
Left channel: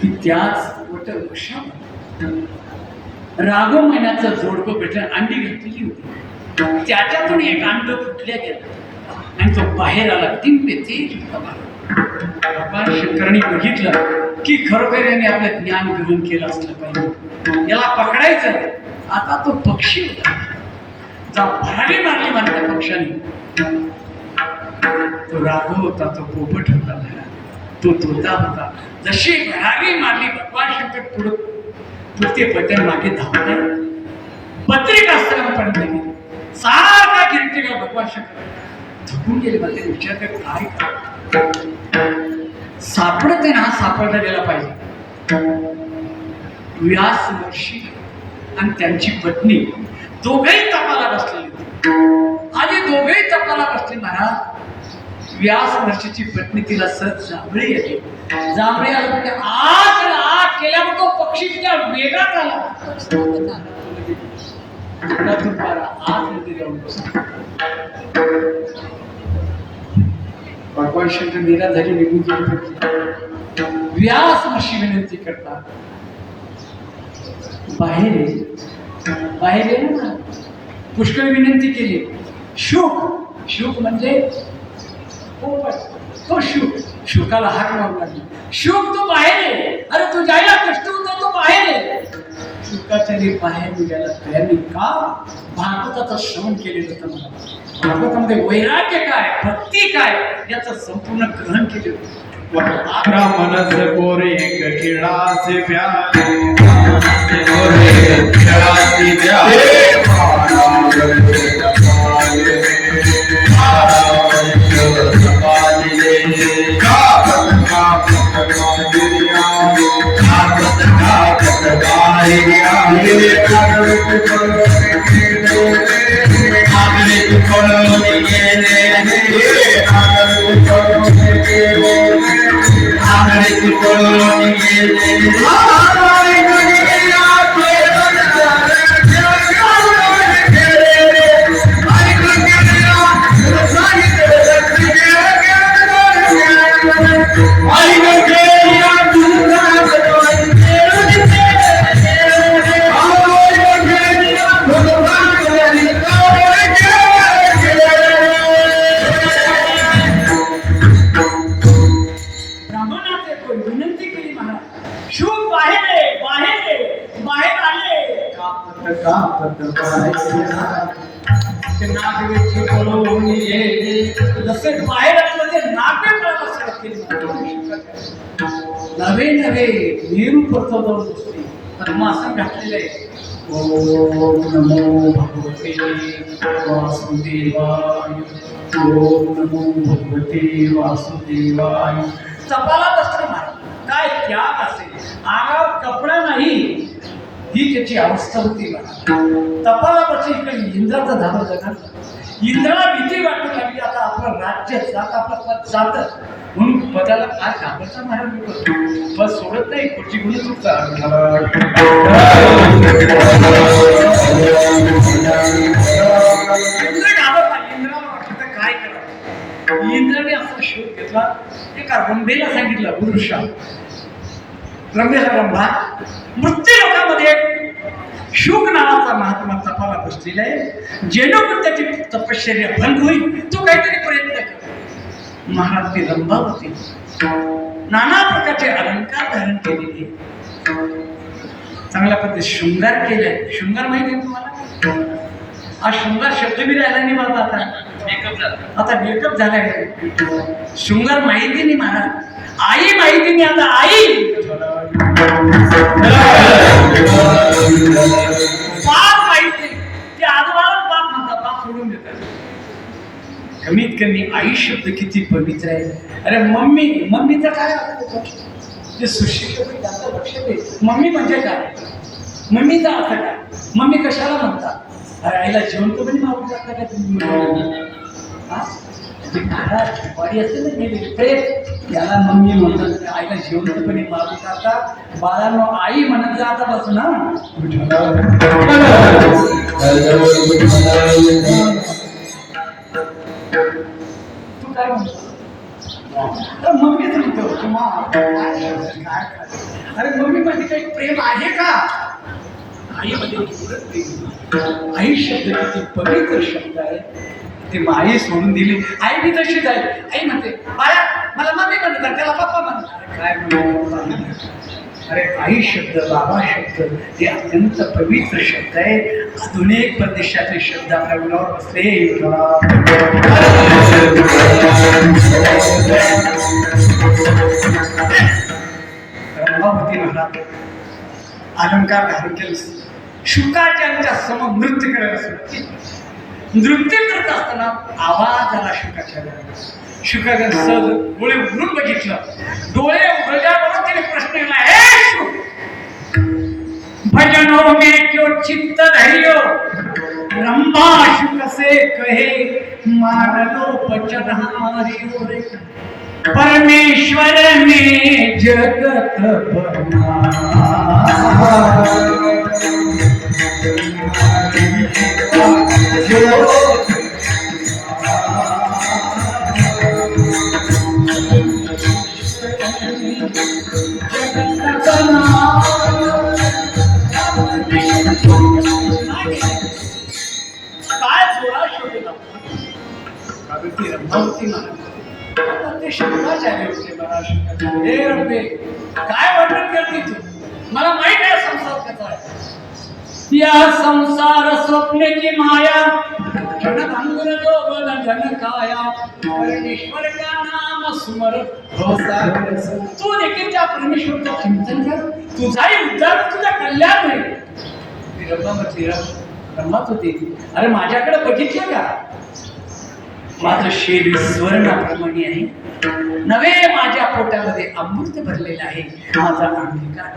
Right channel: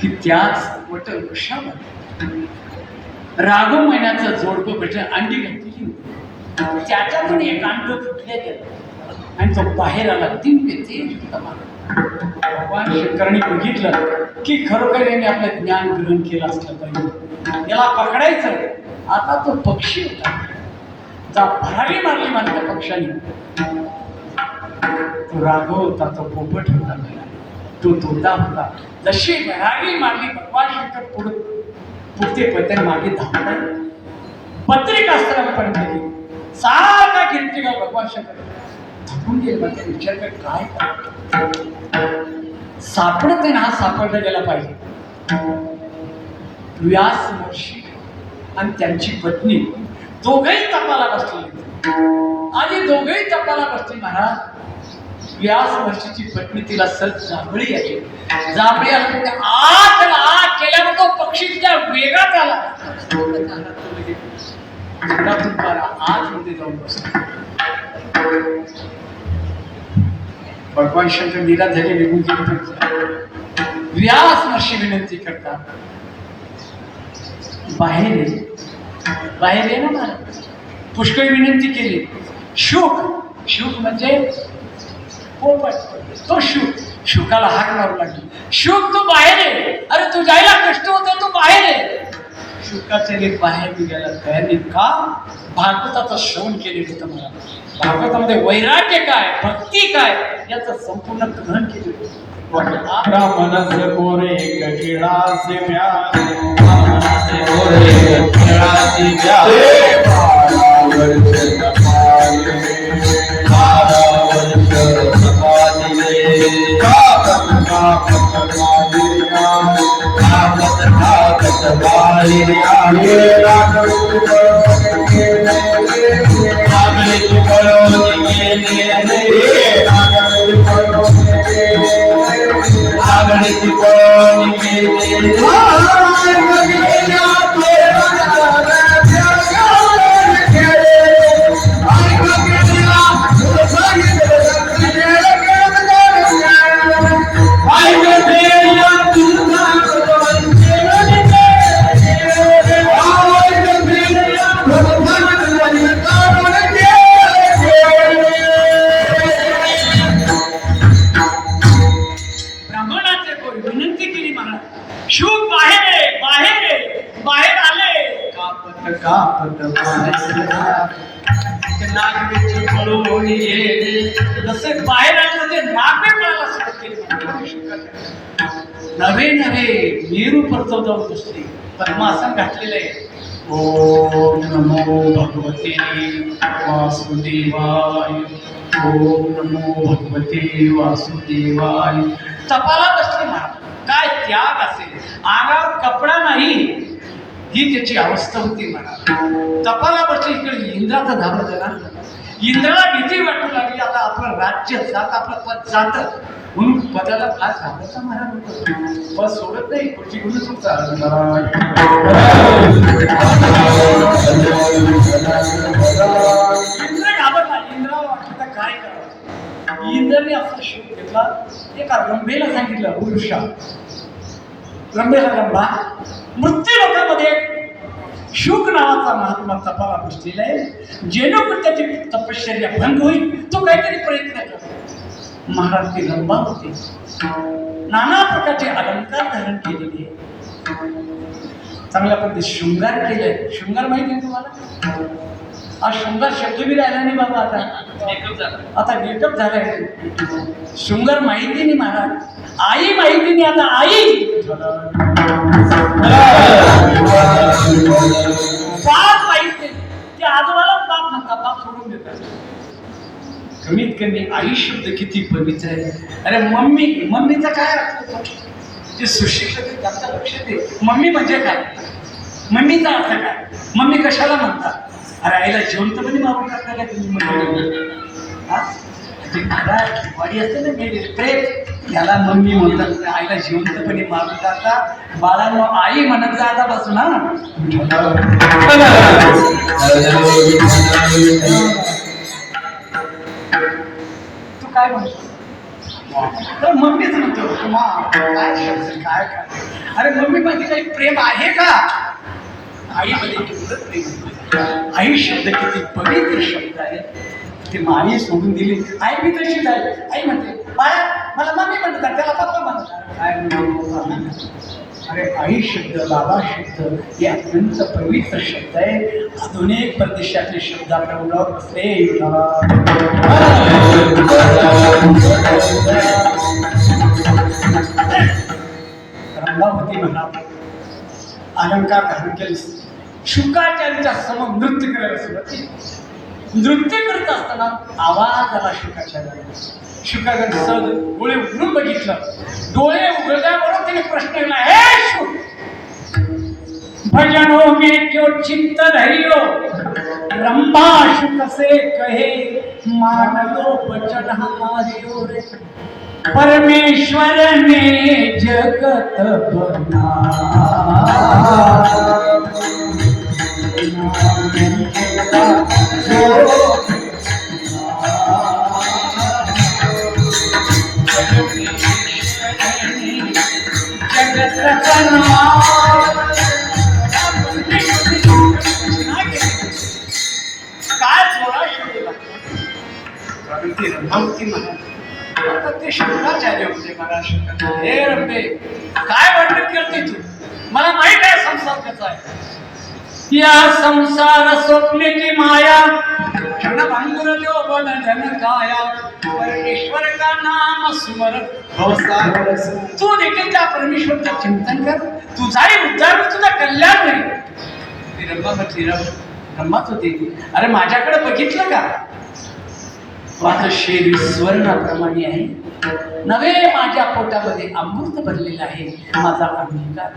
की त्याच वटवृक्षावर रागो महिन्याचं जोडपं भेटलं, अंडी घातलेली होती. त्याच्यातून एक अंड फुटल्या गेलं आणि तो बाहेर आला. दिव्य तेज होता. भगवान शंकरांनी बघितलं की खरोखर याने आपलं ज्ञान ग्रहण केलं असलं पाहिजे, याला पकडायचं. आता तो पक्षी होता, भरारी मारली म्हणते पक्षाने. तो राघव होता, तो पोपट होता, तो तोता होता. जशी भरारी मारली भगवान शंकर पुढते पते मागे धावले. बद्रिकाश्रमापर्यंत गेले. सारखा गिरटिका भगवान शंकर थकून गेले. मग ते विचार कर काय करा, सापडत नाही ना, हा सापडला गेला पाहिजे. व्यास महर्षी आणि त्यांची पत्नी दोघेही तपाला बसलेली आणि दोघेही तपाला बसले. महाराज व्यास महर्षीची पत्नी तिला सहज जांभळी आली. जांभळी आली म्हणजे आत केल्यावर तो पक्षी तिच्या वेगात आला. आतमध्ये जाऊन बसला. भगवान शंकर निराश झाले, निघून गेले. व्यास महर्षी विनंती करतात, बाहेर ये ना मला. पुष्कळ विनंती केली. शुक म्हणजे पोपट, तो शुकाला हाक मारू लागली. शुक तू बाहेर ये, अरे तू जायला कष्ट होते, तू बाहेर ये. शुकाचार्य बाहेर निघाला. बाहेर का भागवताचं श्रवण केलेलं होतं. मला भागवतामध्ये वैराग्य काय, भक्ती काय याचं संपूर्ण ग्रहण केलेलं होतं. ब्राह्मणस गोरे कठिणाचे प्यारे नवे मेरू परतो जाऊन बसले. पद्मासन घातलेलं आहे. ओम नमो भगवते वासुदेवाय. ओम नमो भगवते वासुदेवाय. तपाला बसले. महाराज काय त्याग असेल, अंगावर कपडा नाही, ही त्याची अवस्था होती. महाराज तपाला बसले. इकडे इंद्राचा धाबा झाला. इंद्राला भीती वाटू लागली. आता आपलं राज्य जात, आपलं पद जात, म्हणून पदाला काय घाबरायचा महाराज पद सोडत नाही. खुर्ची घेऊन इंद्र घाबरला. इंद्राला वाटलं काय करावं. इंद्राने असा शोध घेतला. एका रंभेला सांगितलं, पुरुषा रंभेला, रंभा मृत्यू लोकांमध्ये शुक नावाचा महात्मा तपाला बसलेला आहे. जेणेकरून त्याची तपश्चर्या भंग होईल, तो काहीतरी प्रयत्न कर. महाराज ती रंभा होती. नाना प्रकारचे अलंकार धारण केलेले, चांगल्या पद्धतीने शृंगार केले. शृंगार माहिती आहे तुम्हाला? हा शृंगार शब्द बी राहिला नाही बाबा. आता मेकअप झालाय. शृंगार माहिती नाही महाराज. आई माहिती नाही. आता आई बाप माहिती. ते आजोबाला बाप म्हणतात, बाप सोडून देतात. कमीत कमी आई शब्द किती पवित्र आहे. अरे मम्मीचा काय अर्थ होता? जे सुशिक्षित त्यांचं लक्ष दे. मम्मी म्हणजे काय, मम्मीचा अर्थ काय, मम्मी कशाला म्हणतात? अरे आईला जिवंत पण मागून टाकता का तुम्ही? हा? ते घरात वाडी असते ना मेरी प्रेम, याला मम्मी म्हणतात. आईला जिवंतपणे मागू टाका. बाळांनो आई म्हणत जा आता बसून हा. तू काय म्हणतो? तर मम्मीच म्हणतो काय अरे मम्मी मध्ये काही प्रेम आहे का? आईमध्ये केवढं प्रेम. आई शब्द किती पवित्र शब्द आहे. ती आई सोडून दिली. आई मी तशीच आहे. आई म्हणते बाळा मला मम्मी म्हणतात, त्याला पप्पा म्हणतात. काय म्हणतो? अरे आई शब्द, बाबा शब्द हे अत्यंत पवित्र शब्द आहे. आधुनिक परदेशातले शब्द आपल्या मुलावर बसले. रंभावती म्हणाले अलंकार धारण केलं. शुकाचार्याच्या समोर नृत्य करायला सुरुवात केली. नृत्य करत असताना आवाज आला शुकाचार्याला. शुकाचार्य सहज डोळे उघडून बघितलं. डोळे उघडल्यावर तिने प्रश्न केला, हे शुक भजनो मे क्यों चित्त धैर्य रंभा शुक से कहे मान लो बचन हमारी रे परमेश्वर ने जगत बनाया. ते शुक्राचार्य होते. मला शुक्राचार्य हे रंभे काय वर्णन करते तू? मला माहित आहे संसार कसा आहे. या संसार स्वप्नेची माया क्षण भांगुर जो बंधन काया परमेश्वर का नाम स्मरत भवसागर. तू देखील त्या परमेश्वरचं चिंतन कर. तुझाही उद्धार तुझा कल्याण होईल. ती रंभा म्हटली रंभाच होती. अरे माझ्याकडे बघितलं का? माझं शरीर स्वर्णाप्रमाणे आहे. नवे माझ्या पोटामध्ये अमृत भरलेलं आहे. माझा अंगीकार.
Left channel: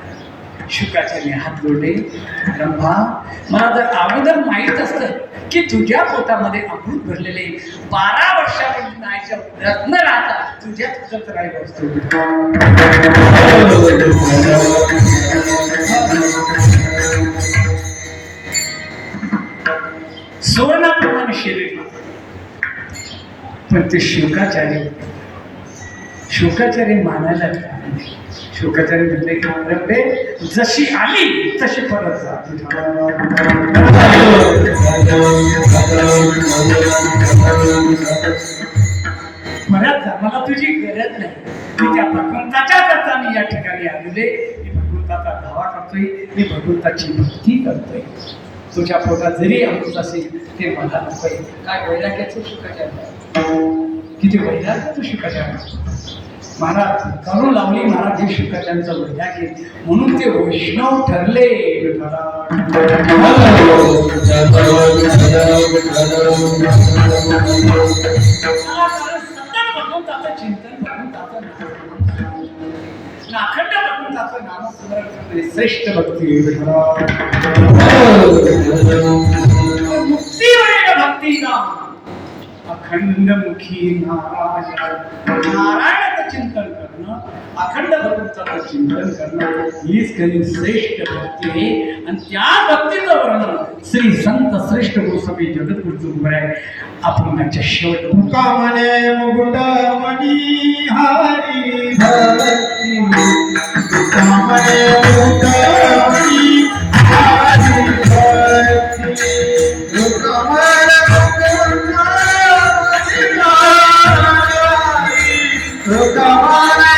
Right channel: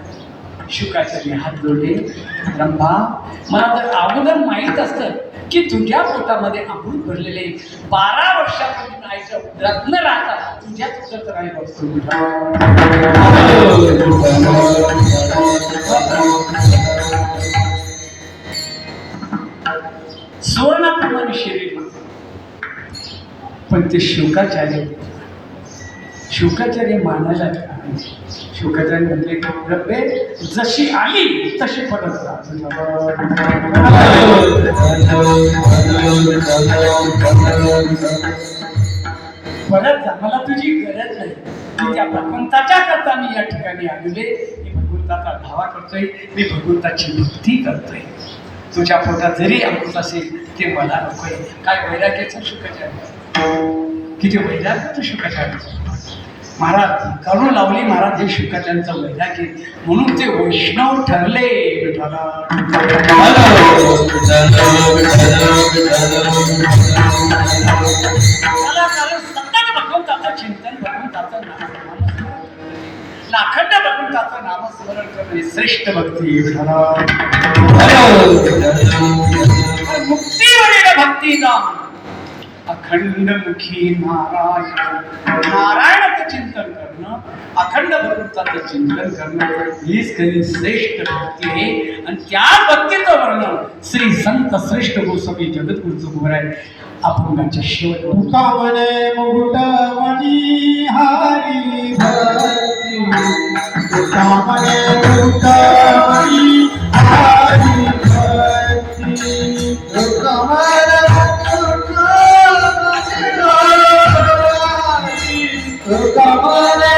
शुकाचार्य हात जोडले. रंभा मला जर अगोदर माहीत असतं की तुझ्या पोटामध्ये अमृत भरलेले 12 वर्षापर्यंत आईच्या उदरात न राहता तुझ्याच उदरात राहिलो असतो. स्वर्णाप्रमाणे शरीर पण ते शुकाचार्य मानायला शुकाचार्य म्हटले की रब्बे जशी आली तशी परत जा. परत जा, मला तुझी गरज नाही. मी त्या भगवंताच्या करता मी या ठिकाणी आलेले. मी भगवंताचा धावा करतोय. मी भगवंताची भक्ती करतोय. तुझ्या पोटात जरी अमृत असेल ते मला नकोय. काय वैराग्याचं शुकाचार्य, किती वैराग्याचं शुकाचार्य. महाराज करू लावली महाराज हे शुकाचार्यांचं वैराग्य. म्हणून ते वैष्णव ठरले. सतत भगवंताचं चिंतन, भगवंताचं लाखंड भगवंताचं नामस्मरण करणे श्रेष्ठ भक्ती. मुक्तीवरील भक्तीचा अखंडमुखी नारायणाचं चिंतन करणं, अखंड भगवंताचं चिंतन करणं हीच खरी श्रेष्ठ भक्ती आहे. आणि त्या भक्तीचं वर्णन श्री संत श्रेष्ठ गोस्वामी जगद्गुरूचं बोल आहे. आपण त्यांच्या शेवट मुकामने मुकुटमणी हरी भक्ती. मुकामने मुकुटमणी हरी भक्ती. मुकामने Hare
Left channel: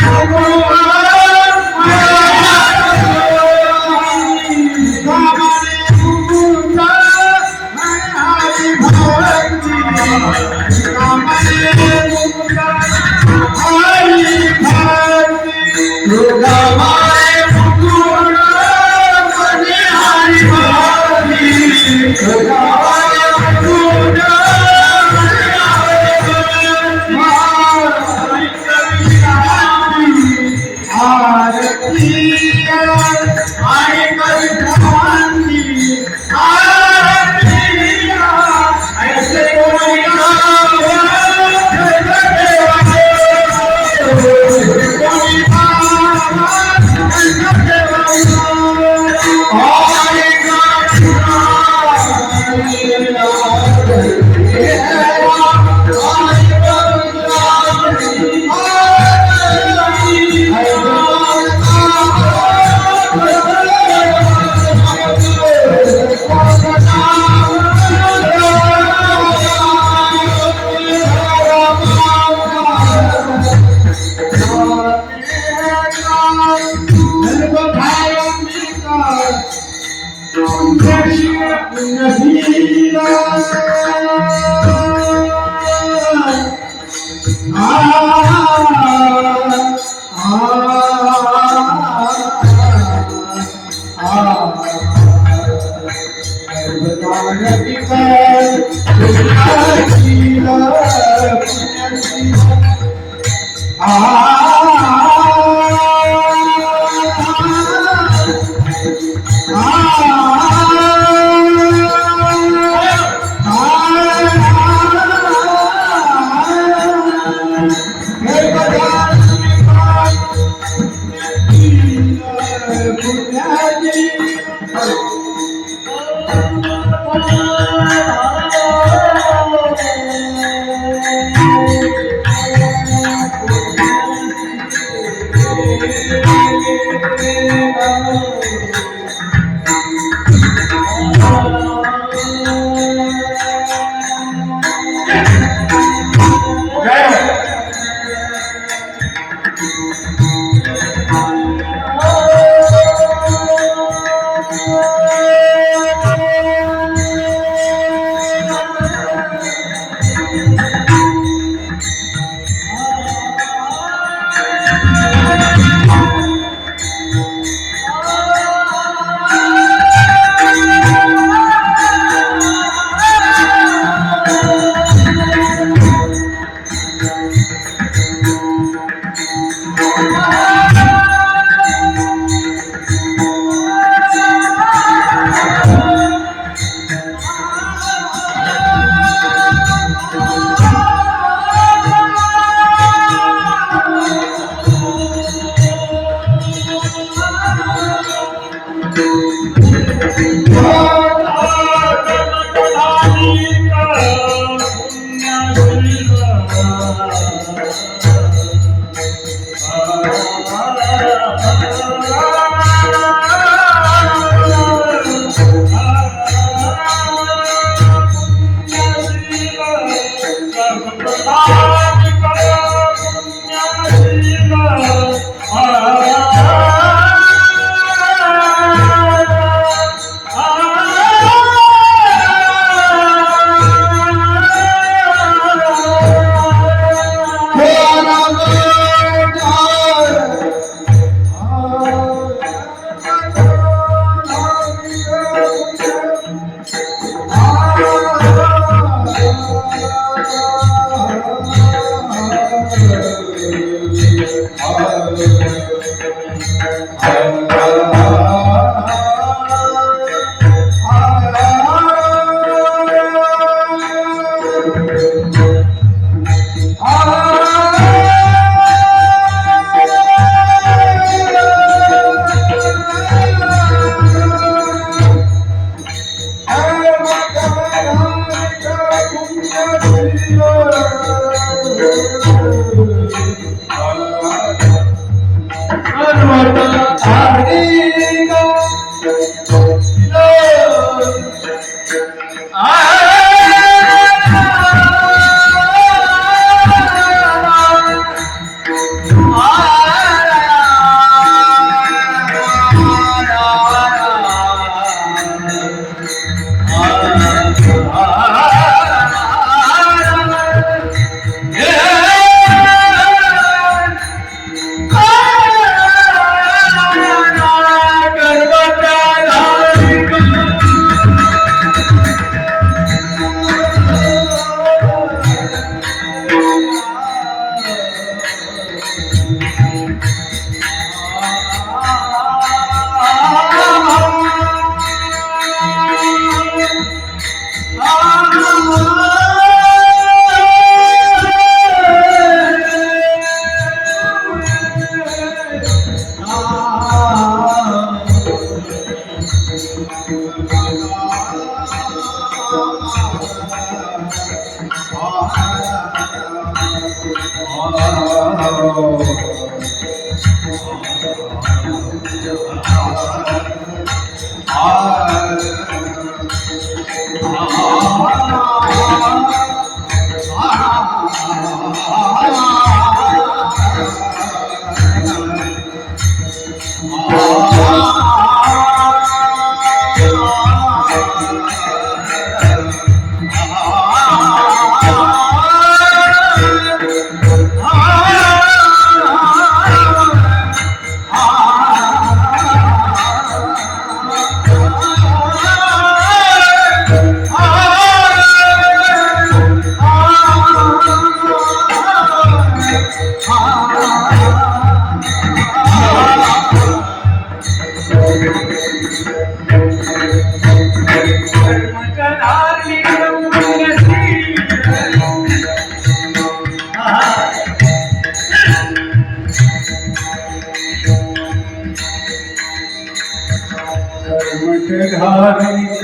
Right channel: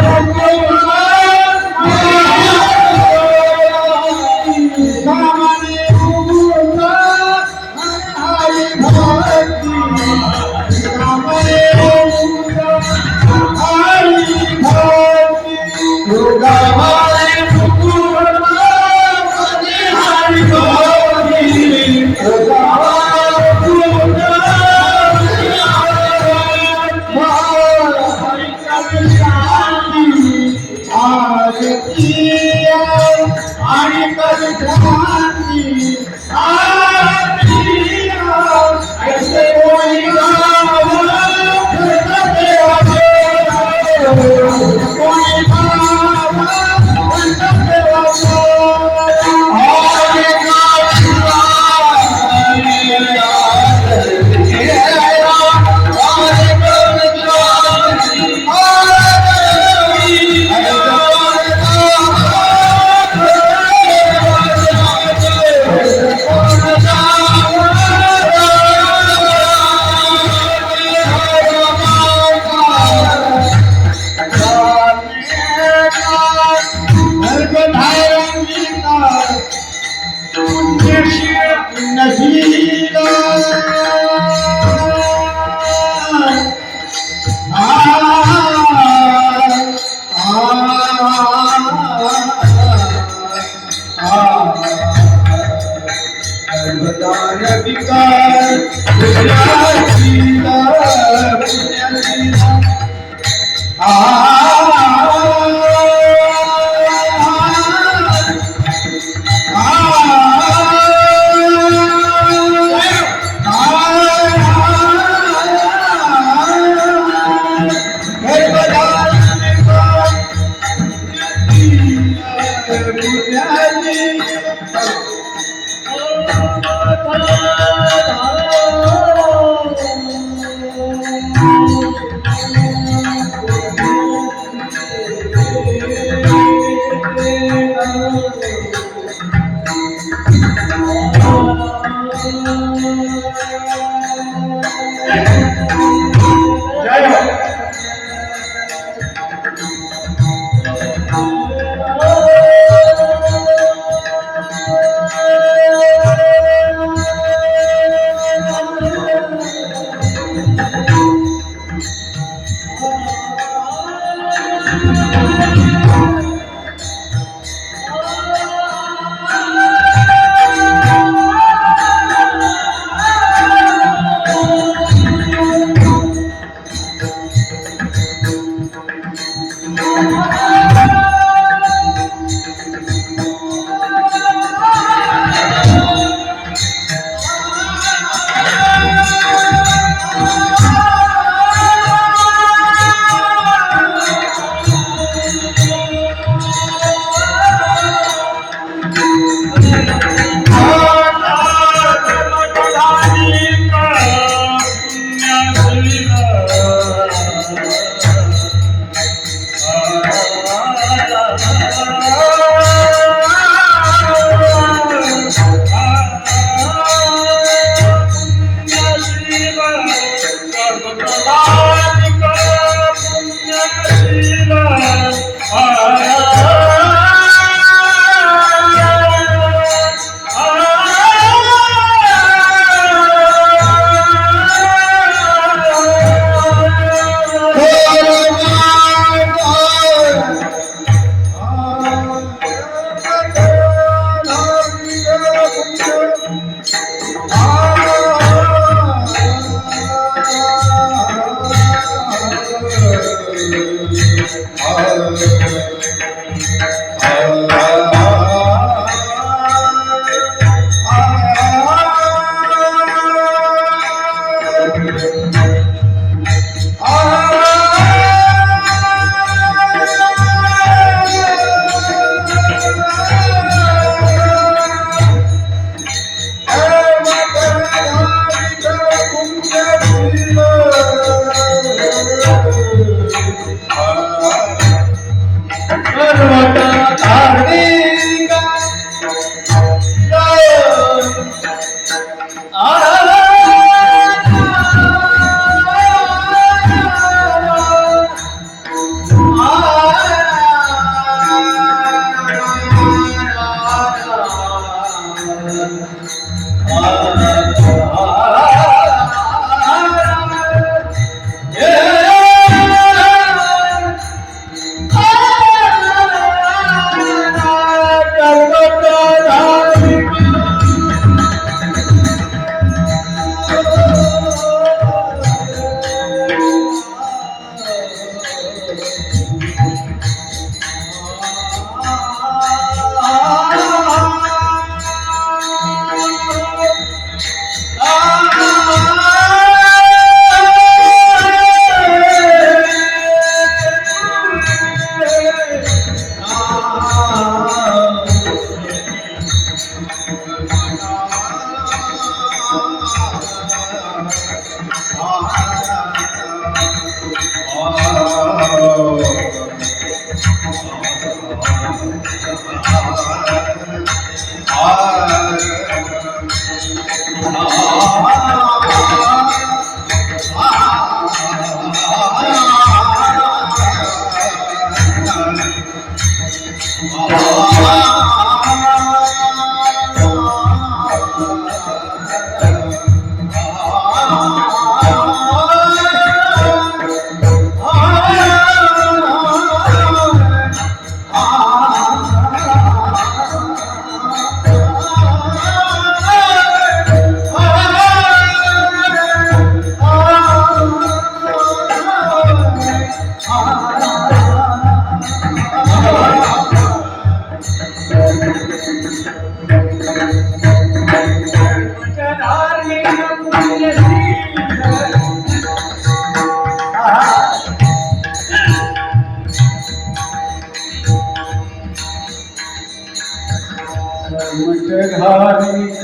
कर्मधार्मिक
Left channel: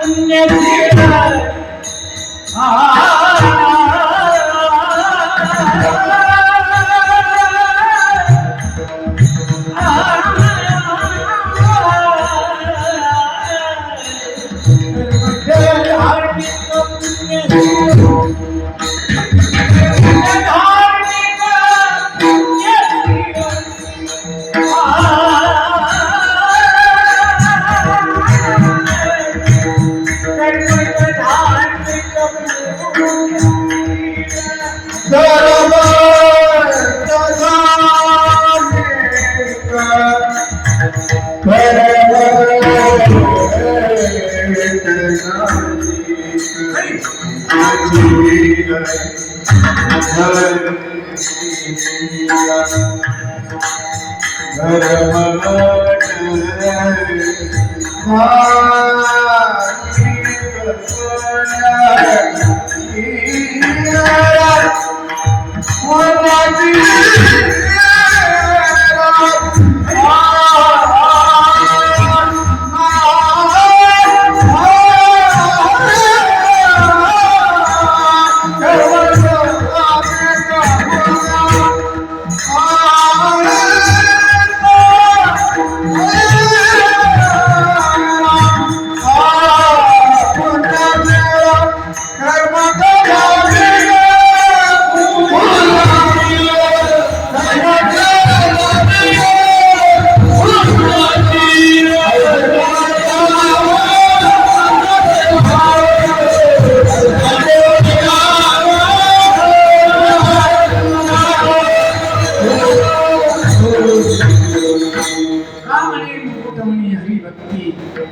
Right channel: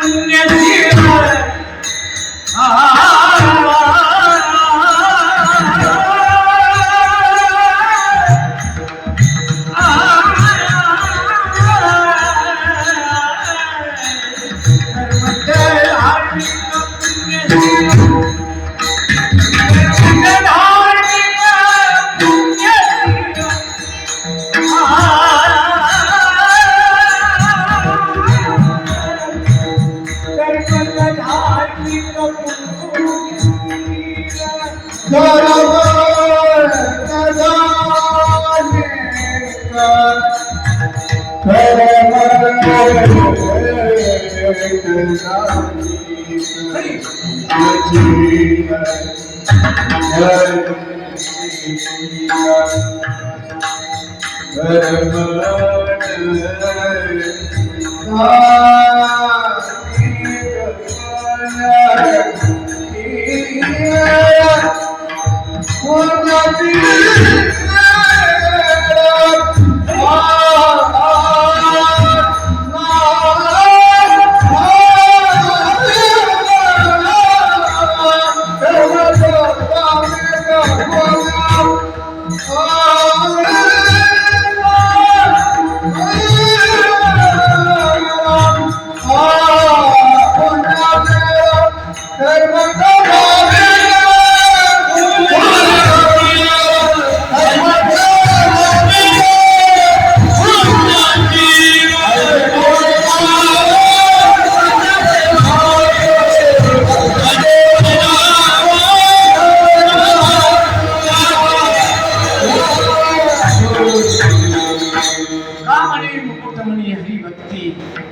पुण्यशील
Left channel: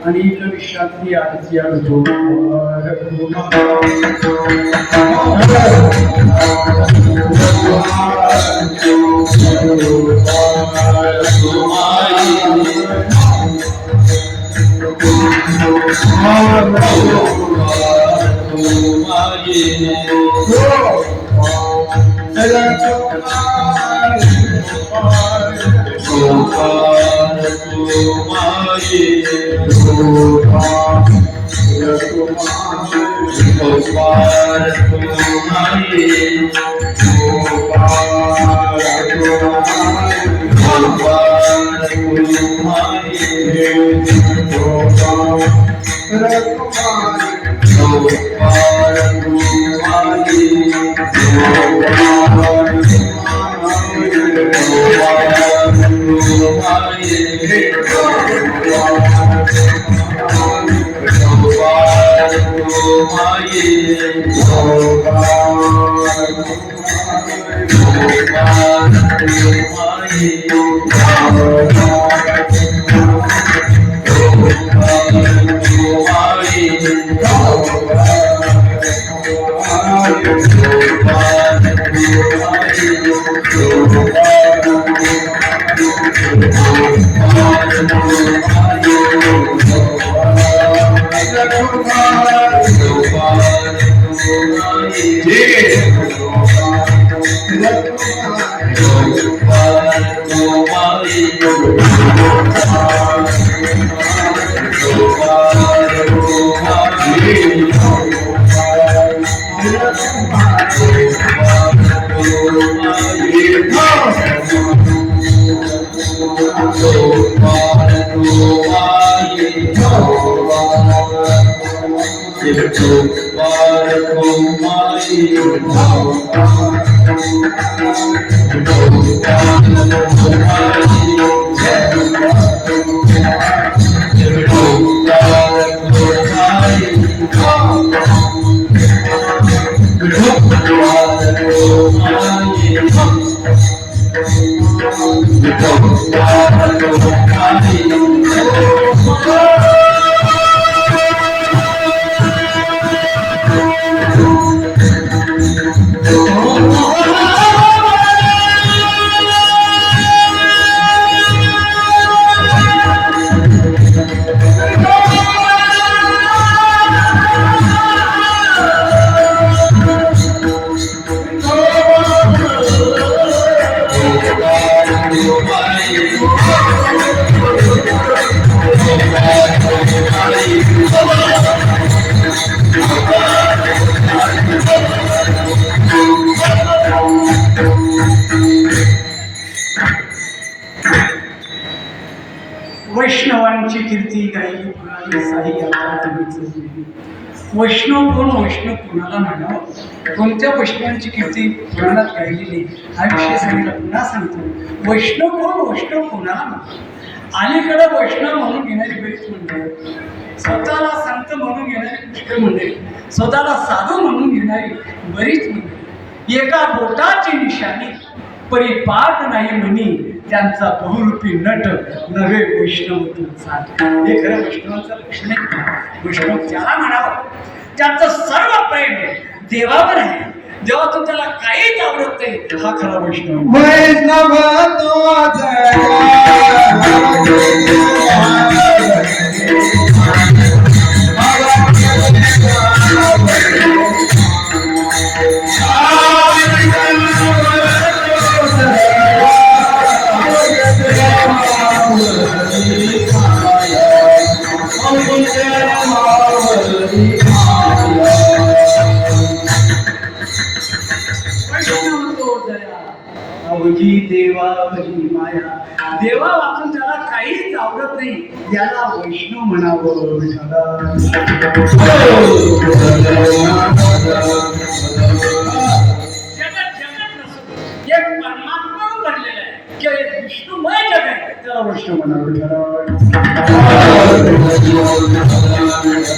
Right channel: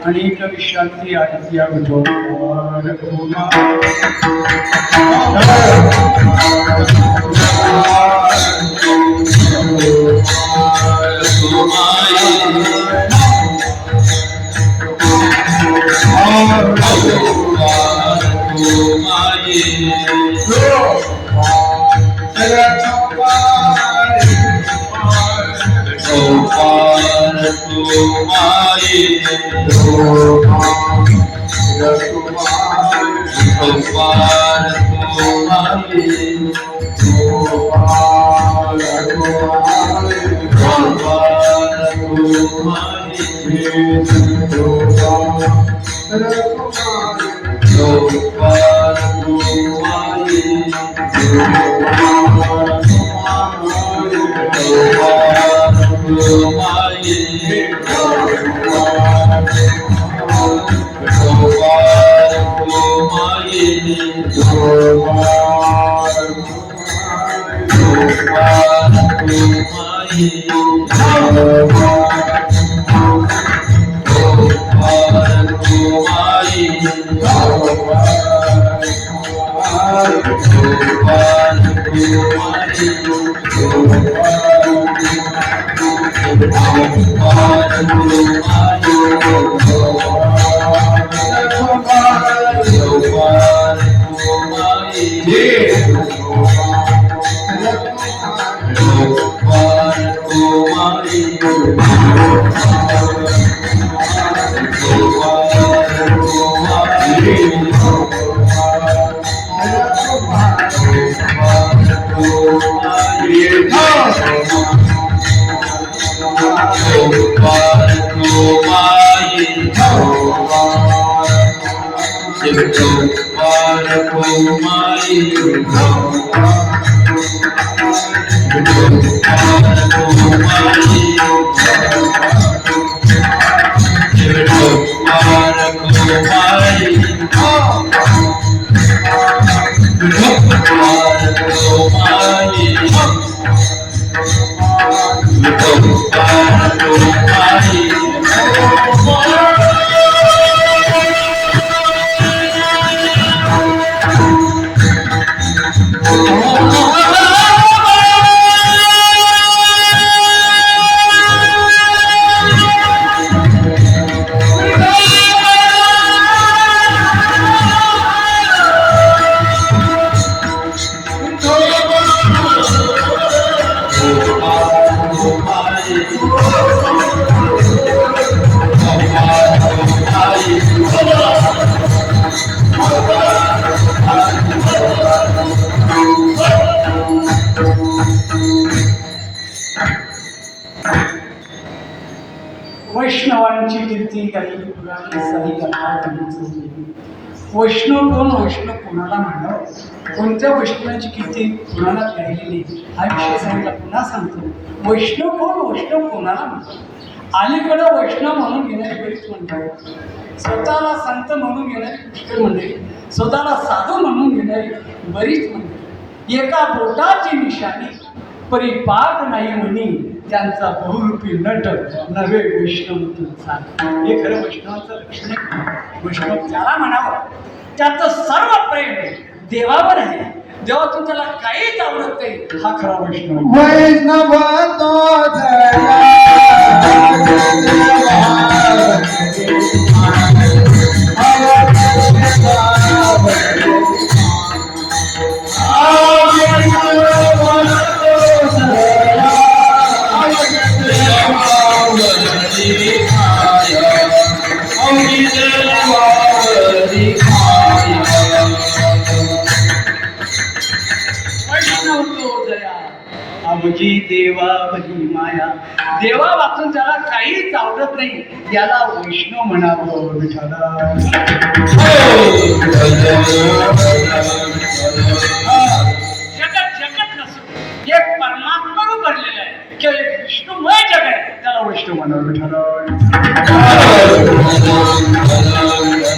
अनेक विश्रांती आदित्य जोर Oh वैष्णवांची कीर्ती गायली पुराणी साई अठरा. वैष्णव कोण, वैष्णव कोणाला म्हणावं, कोणत्या वैष्णवांची कीर्ती पुराणात गायलेली हा विषय सांगितला. पुन्हा सांगतो, वैष्णव कोण, वैष्णव कोणाला म्हणतात. अलीकडं वैष्णव म्हणून घेणारी बरीच म्हणतात, स्वतःला संत म्हणून घेणारी पुष्कळ मंडळी, स्वतःला साधू म्हणून घेणारी बरीच मंडळी. एका बोटाची निशाणी परिपाक नाही म्हणी, त्यांचा बहुरूपी नट नवे वैष्णव तुमचा. हे खरं वैष्णवाचं लक्षण आहे. वैष्णव त्याला म्हणावं त्याचं सर्व प्रेम देवावर आहे. जेव्हा तू त्याला काहीच आवडत नाही, हा खरा वैष्णव. वैष्णव तो जया अवघी देवा भली माया. देवा वाचून त्याला काहीच आवडत नाही, याला वैष्णव म्हणावं. विठ्ठला जगत जगत नसून एक परमात्म्यानं भरलेलं आहे, की एक विष्णुमय जग आहे, त्याला वैष्णव म्हणावं. विठ्ठला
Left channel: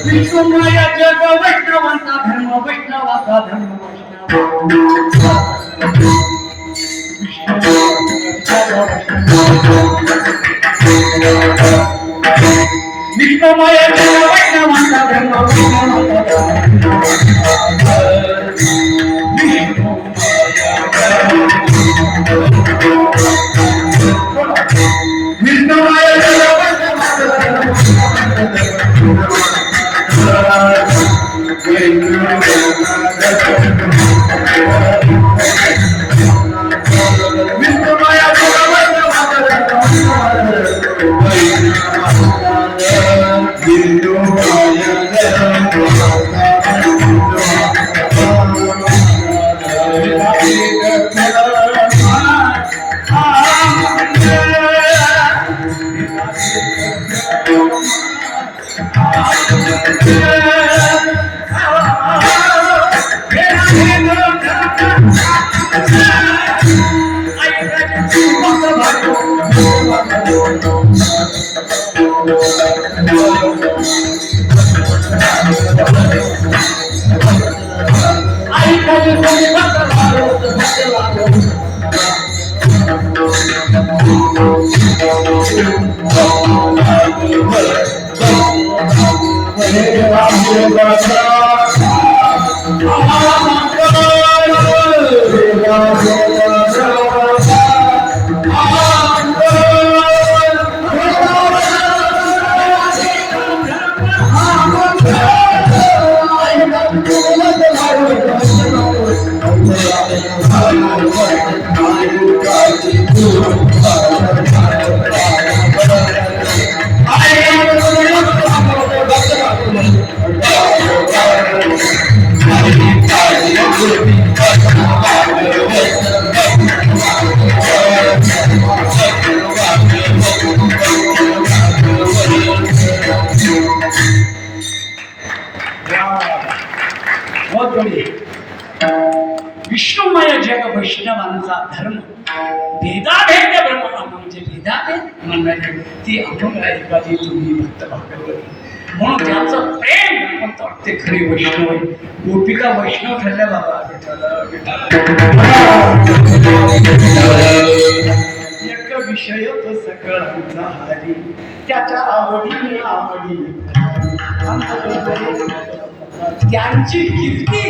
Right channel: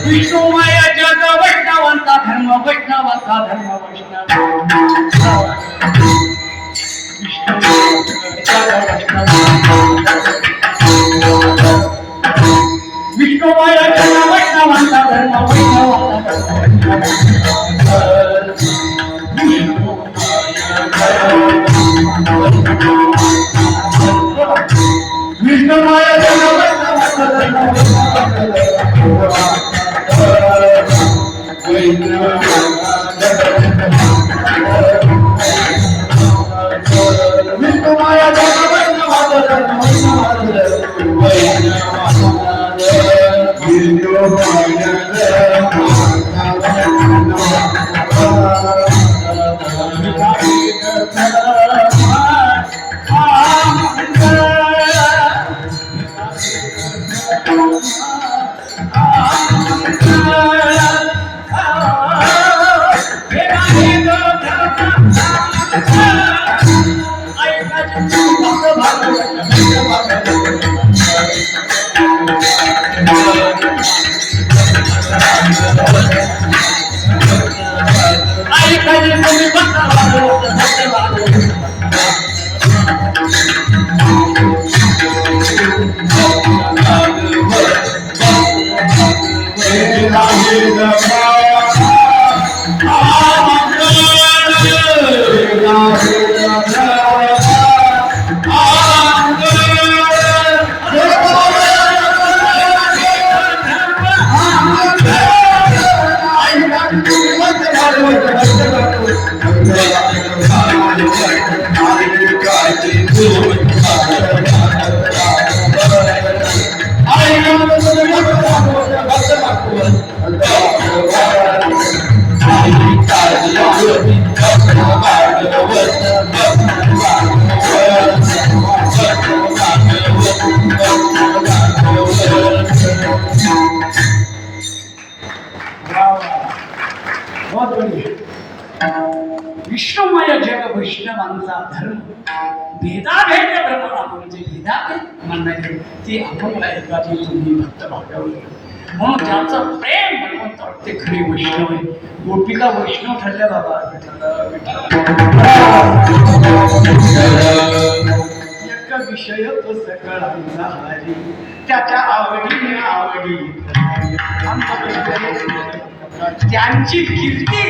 विष्णुमय जग वैष्णवांचा धर्म, वैष्णवाचा धर्म, वैष्णव विष्णुमय जग वैष्णवांचा धर्म, ब्रह्म म्हणजे विधाते म्हणणारे ती अपंग ऐकाजी तुम्ही भक्त भागावर म्हणून त्याचं प्रेम भगवंत ते खरी वैष्णव आहे. गोपिका वैष्णव ठरल्या बाबा. एक विषय तो सगळ्यांचा हरी त्याच्या आवडी आवडी त्यांची कीर्ती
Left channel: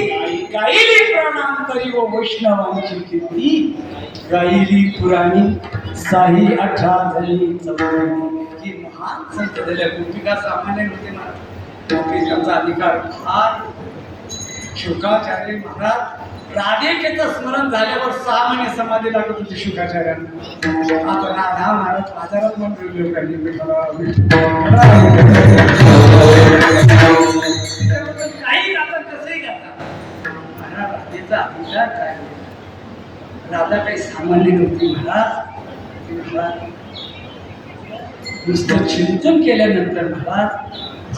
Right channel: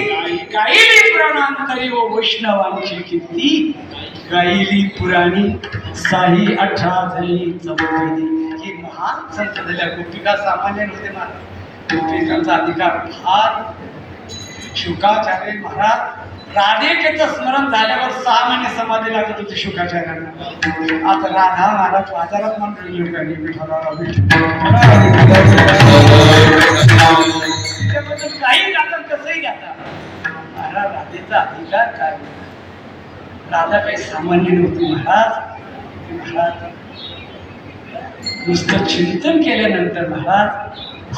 गायली प्राणांतरी व वैष्णवांची कीर्ती गायली पुराणी साई 18 झाली चौथी. ही महान संत झाल्या. गोपिका सामान्य नव्हते महाराज. गोपिकांचा अधिकार फार. शुकाचार्य महाराज राधिकेचं स्मरण झाल्यावर 6 महिने समाधी लागत होती शुकाचार्यांना. आता राधा महाराज बाजारात म्हणून लोकांनी काही गातात कसंही गातात. महाराज राधेचा अधिकार काय. राधा काही सामान्य नव्हती महाराज. महाराज नुसतं चिंतन केल्यानंतर महाराज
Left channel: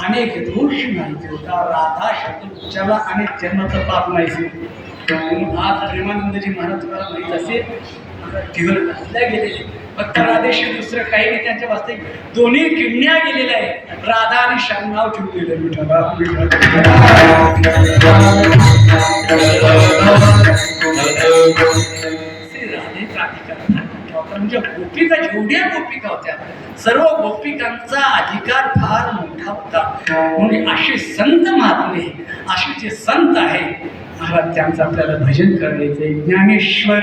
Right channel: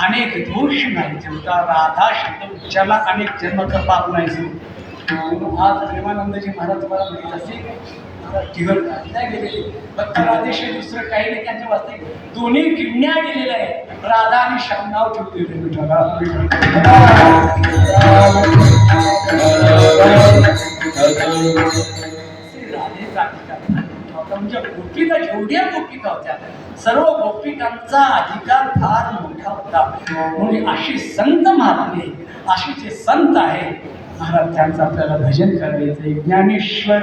अनेक दोष माहिती होता. राधा शब्द उच्चारला अनेक जन्माचं पाप नाही. आज प्रेमानंदजी महाराज तुम्हाला माहीत असेल तिघड घातल्या गेलेले फक्त राधेशी दुसरं काही नाही. त्यांच्या वास्तविक दोन्ही किडण्या गेलेल्या आहेत. राधा आणि श्याम नाव ठेवलेलं विठ्ठला. राधेचा अधिकार म्हणजे गोपिका जेवढ्या गोपिका होत्या सर्व गोपिकांचा अधिकार फार मोठा होता. म्हणजे असे संत महात्मे असे जे संत आहे महाराज त्यांचं आपल्याला भजन करायचंय. ज्ञानेश्वर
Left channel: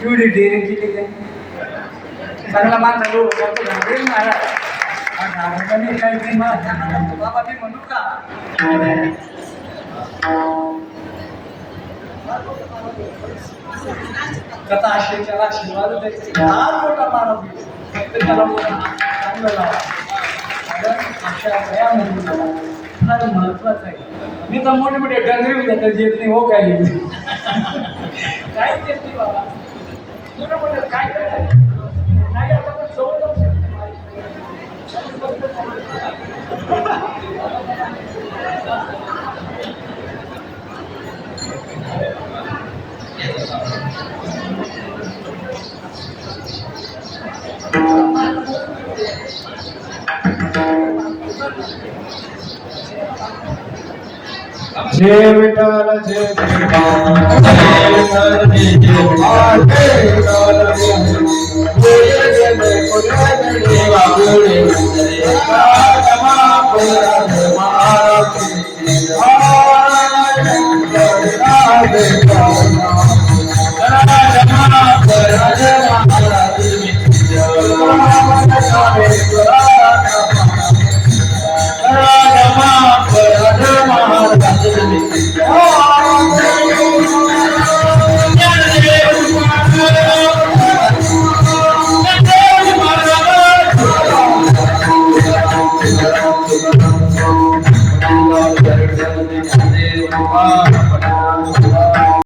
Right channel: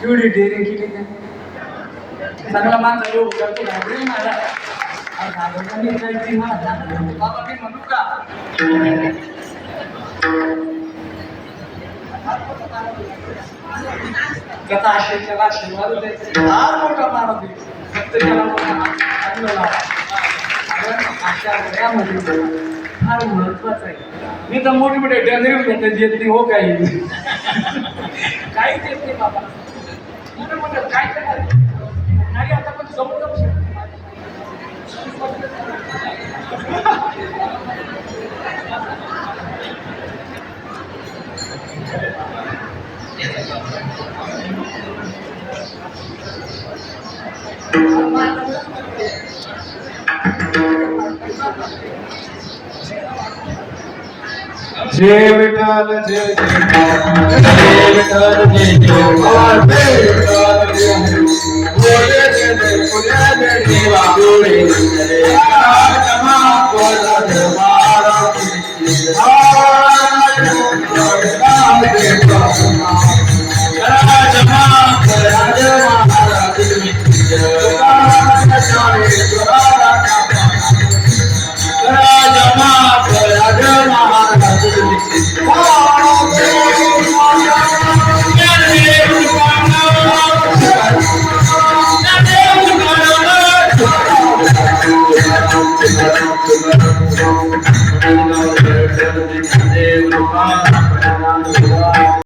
केवढी डेअरिंग केली त्यांनी. चांगला माणसा लोक बाबा ते म्हणू का कथा आशेच्या आशीर्वाद द्यायचे फार मोठा मानव फक्त त्याला चांगलं लावा. कारण अशा वयामध्ये फार महत्वाचं आहे. मी तर मोठे मोठे डंगरी घेतात येत नाही हो काही काहीच येत नाही बाबा. मोठं मोठं काय करायचं नाही आता पण जवळ जाऊ शकतो. जय विठ्ठल जय विठ्ठल जय विठ्ठल जय देवा गोडे मंदरे कामा परद महाराज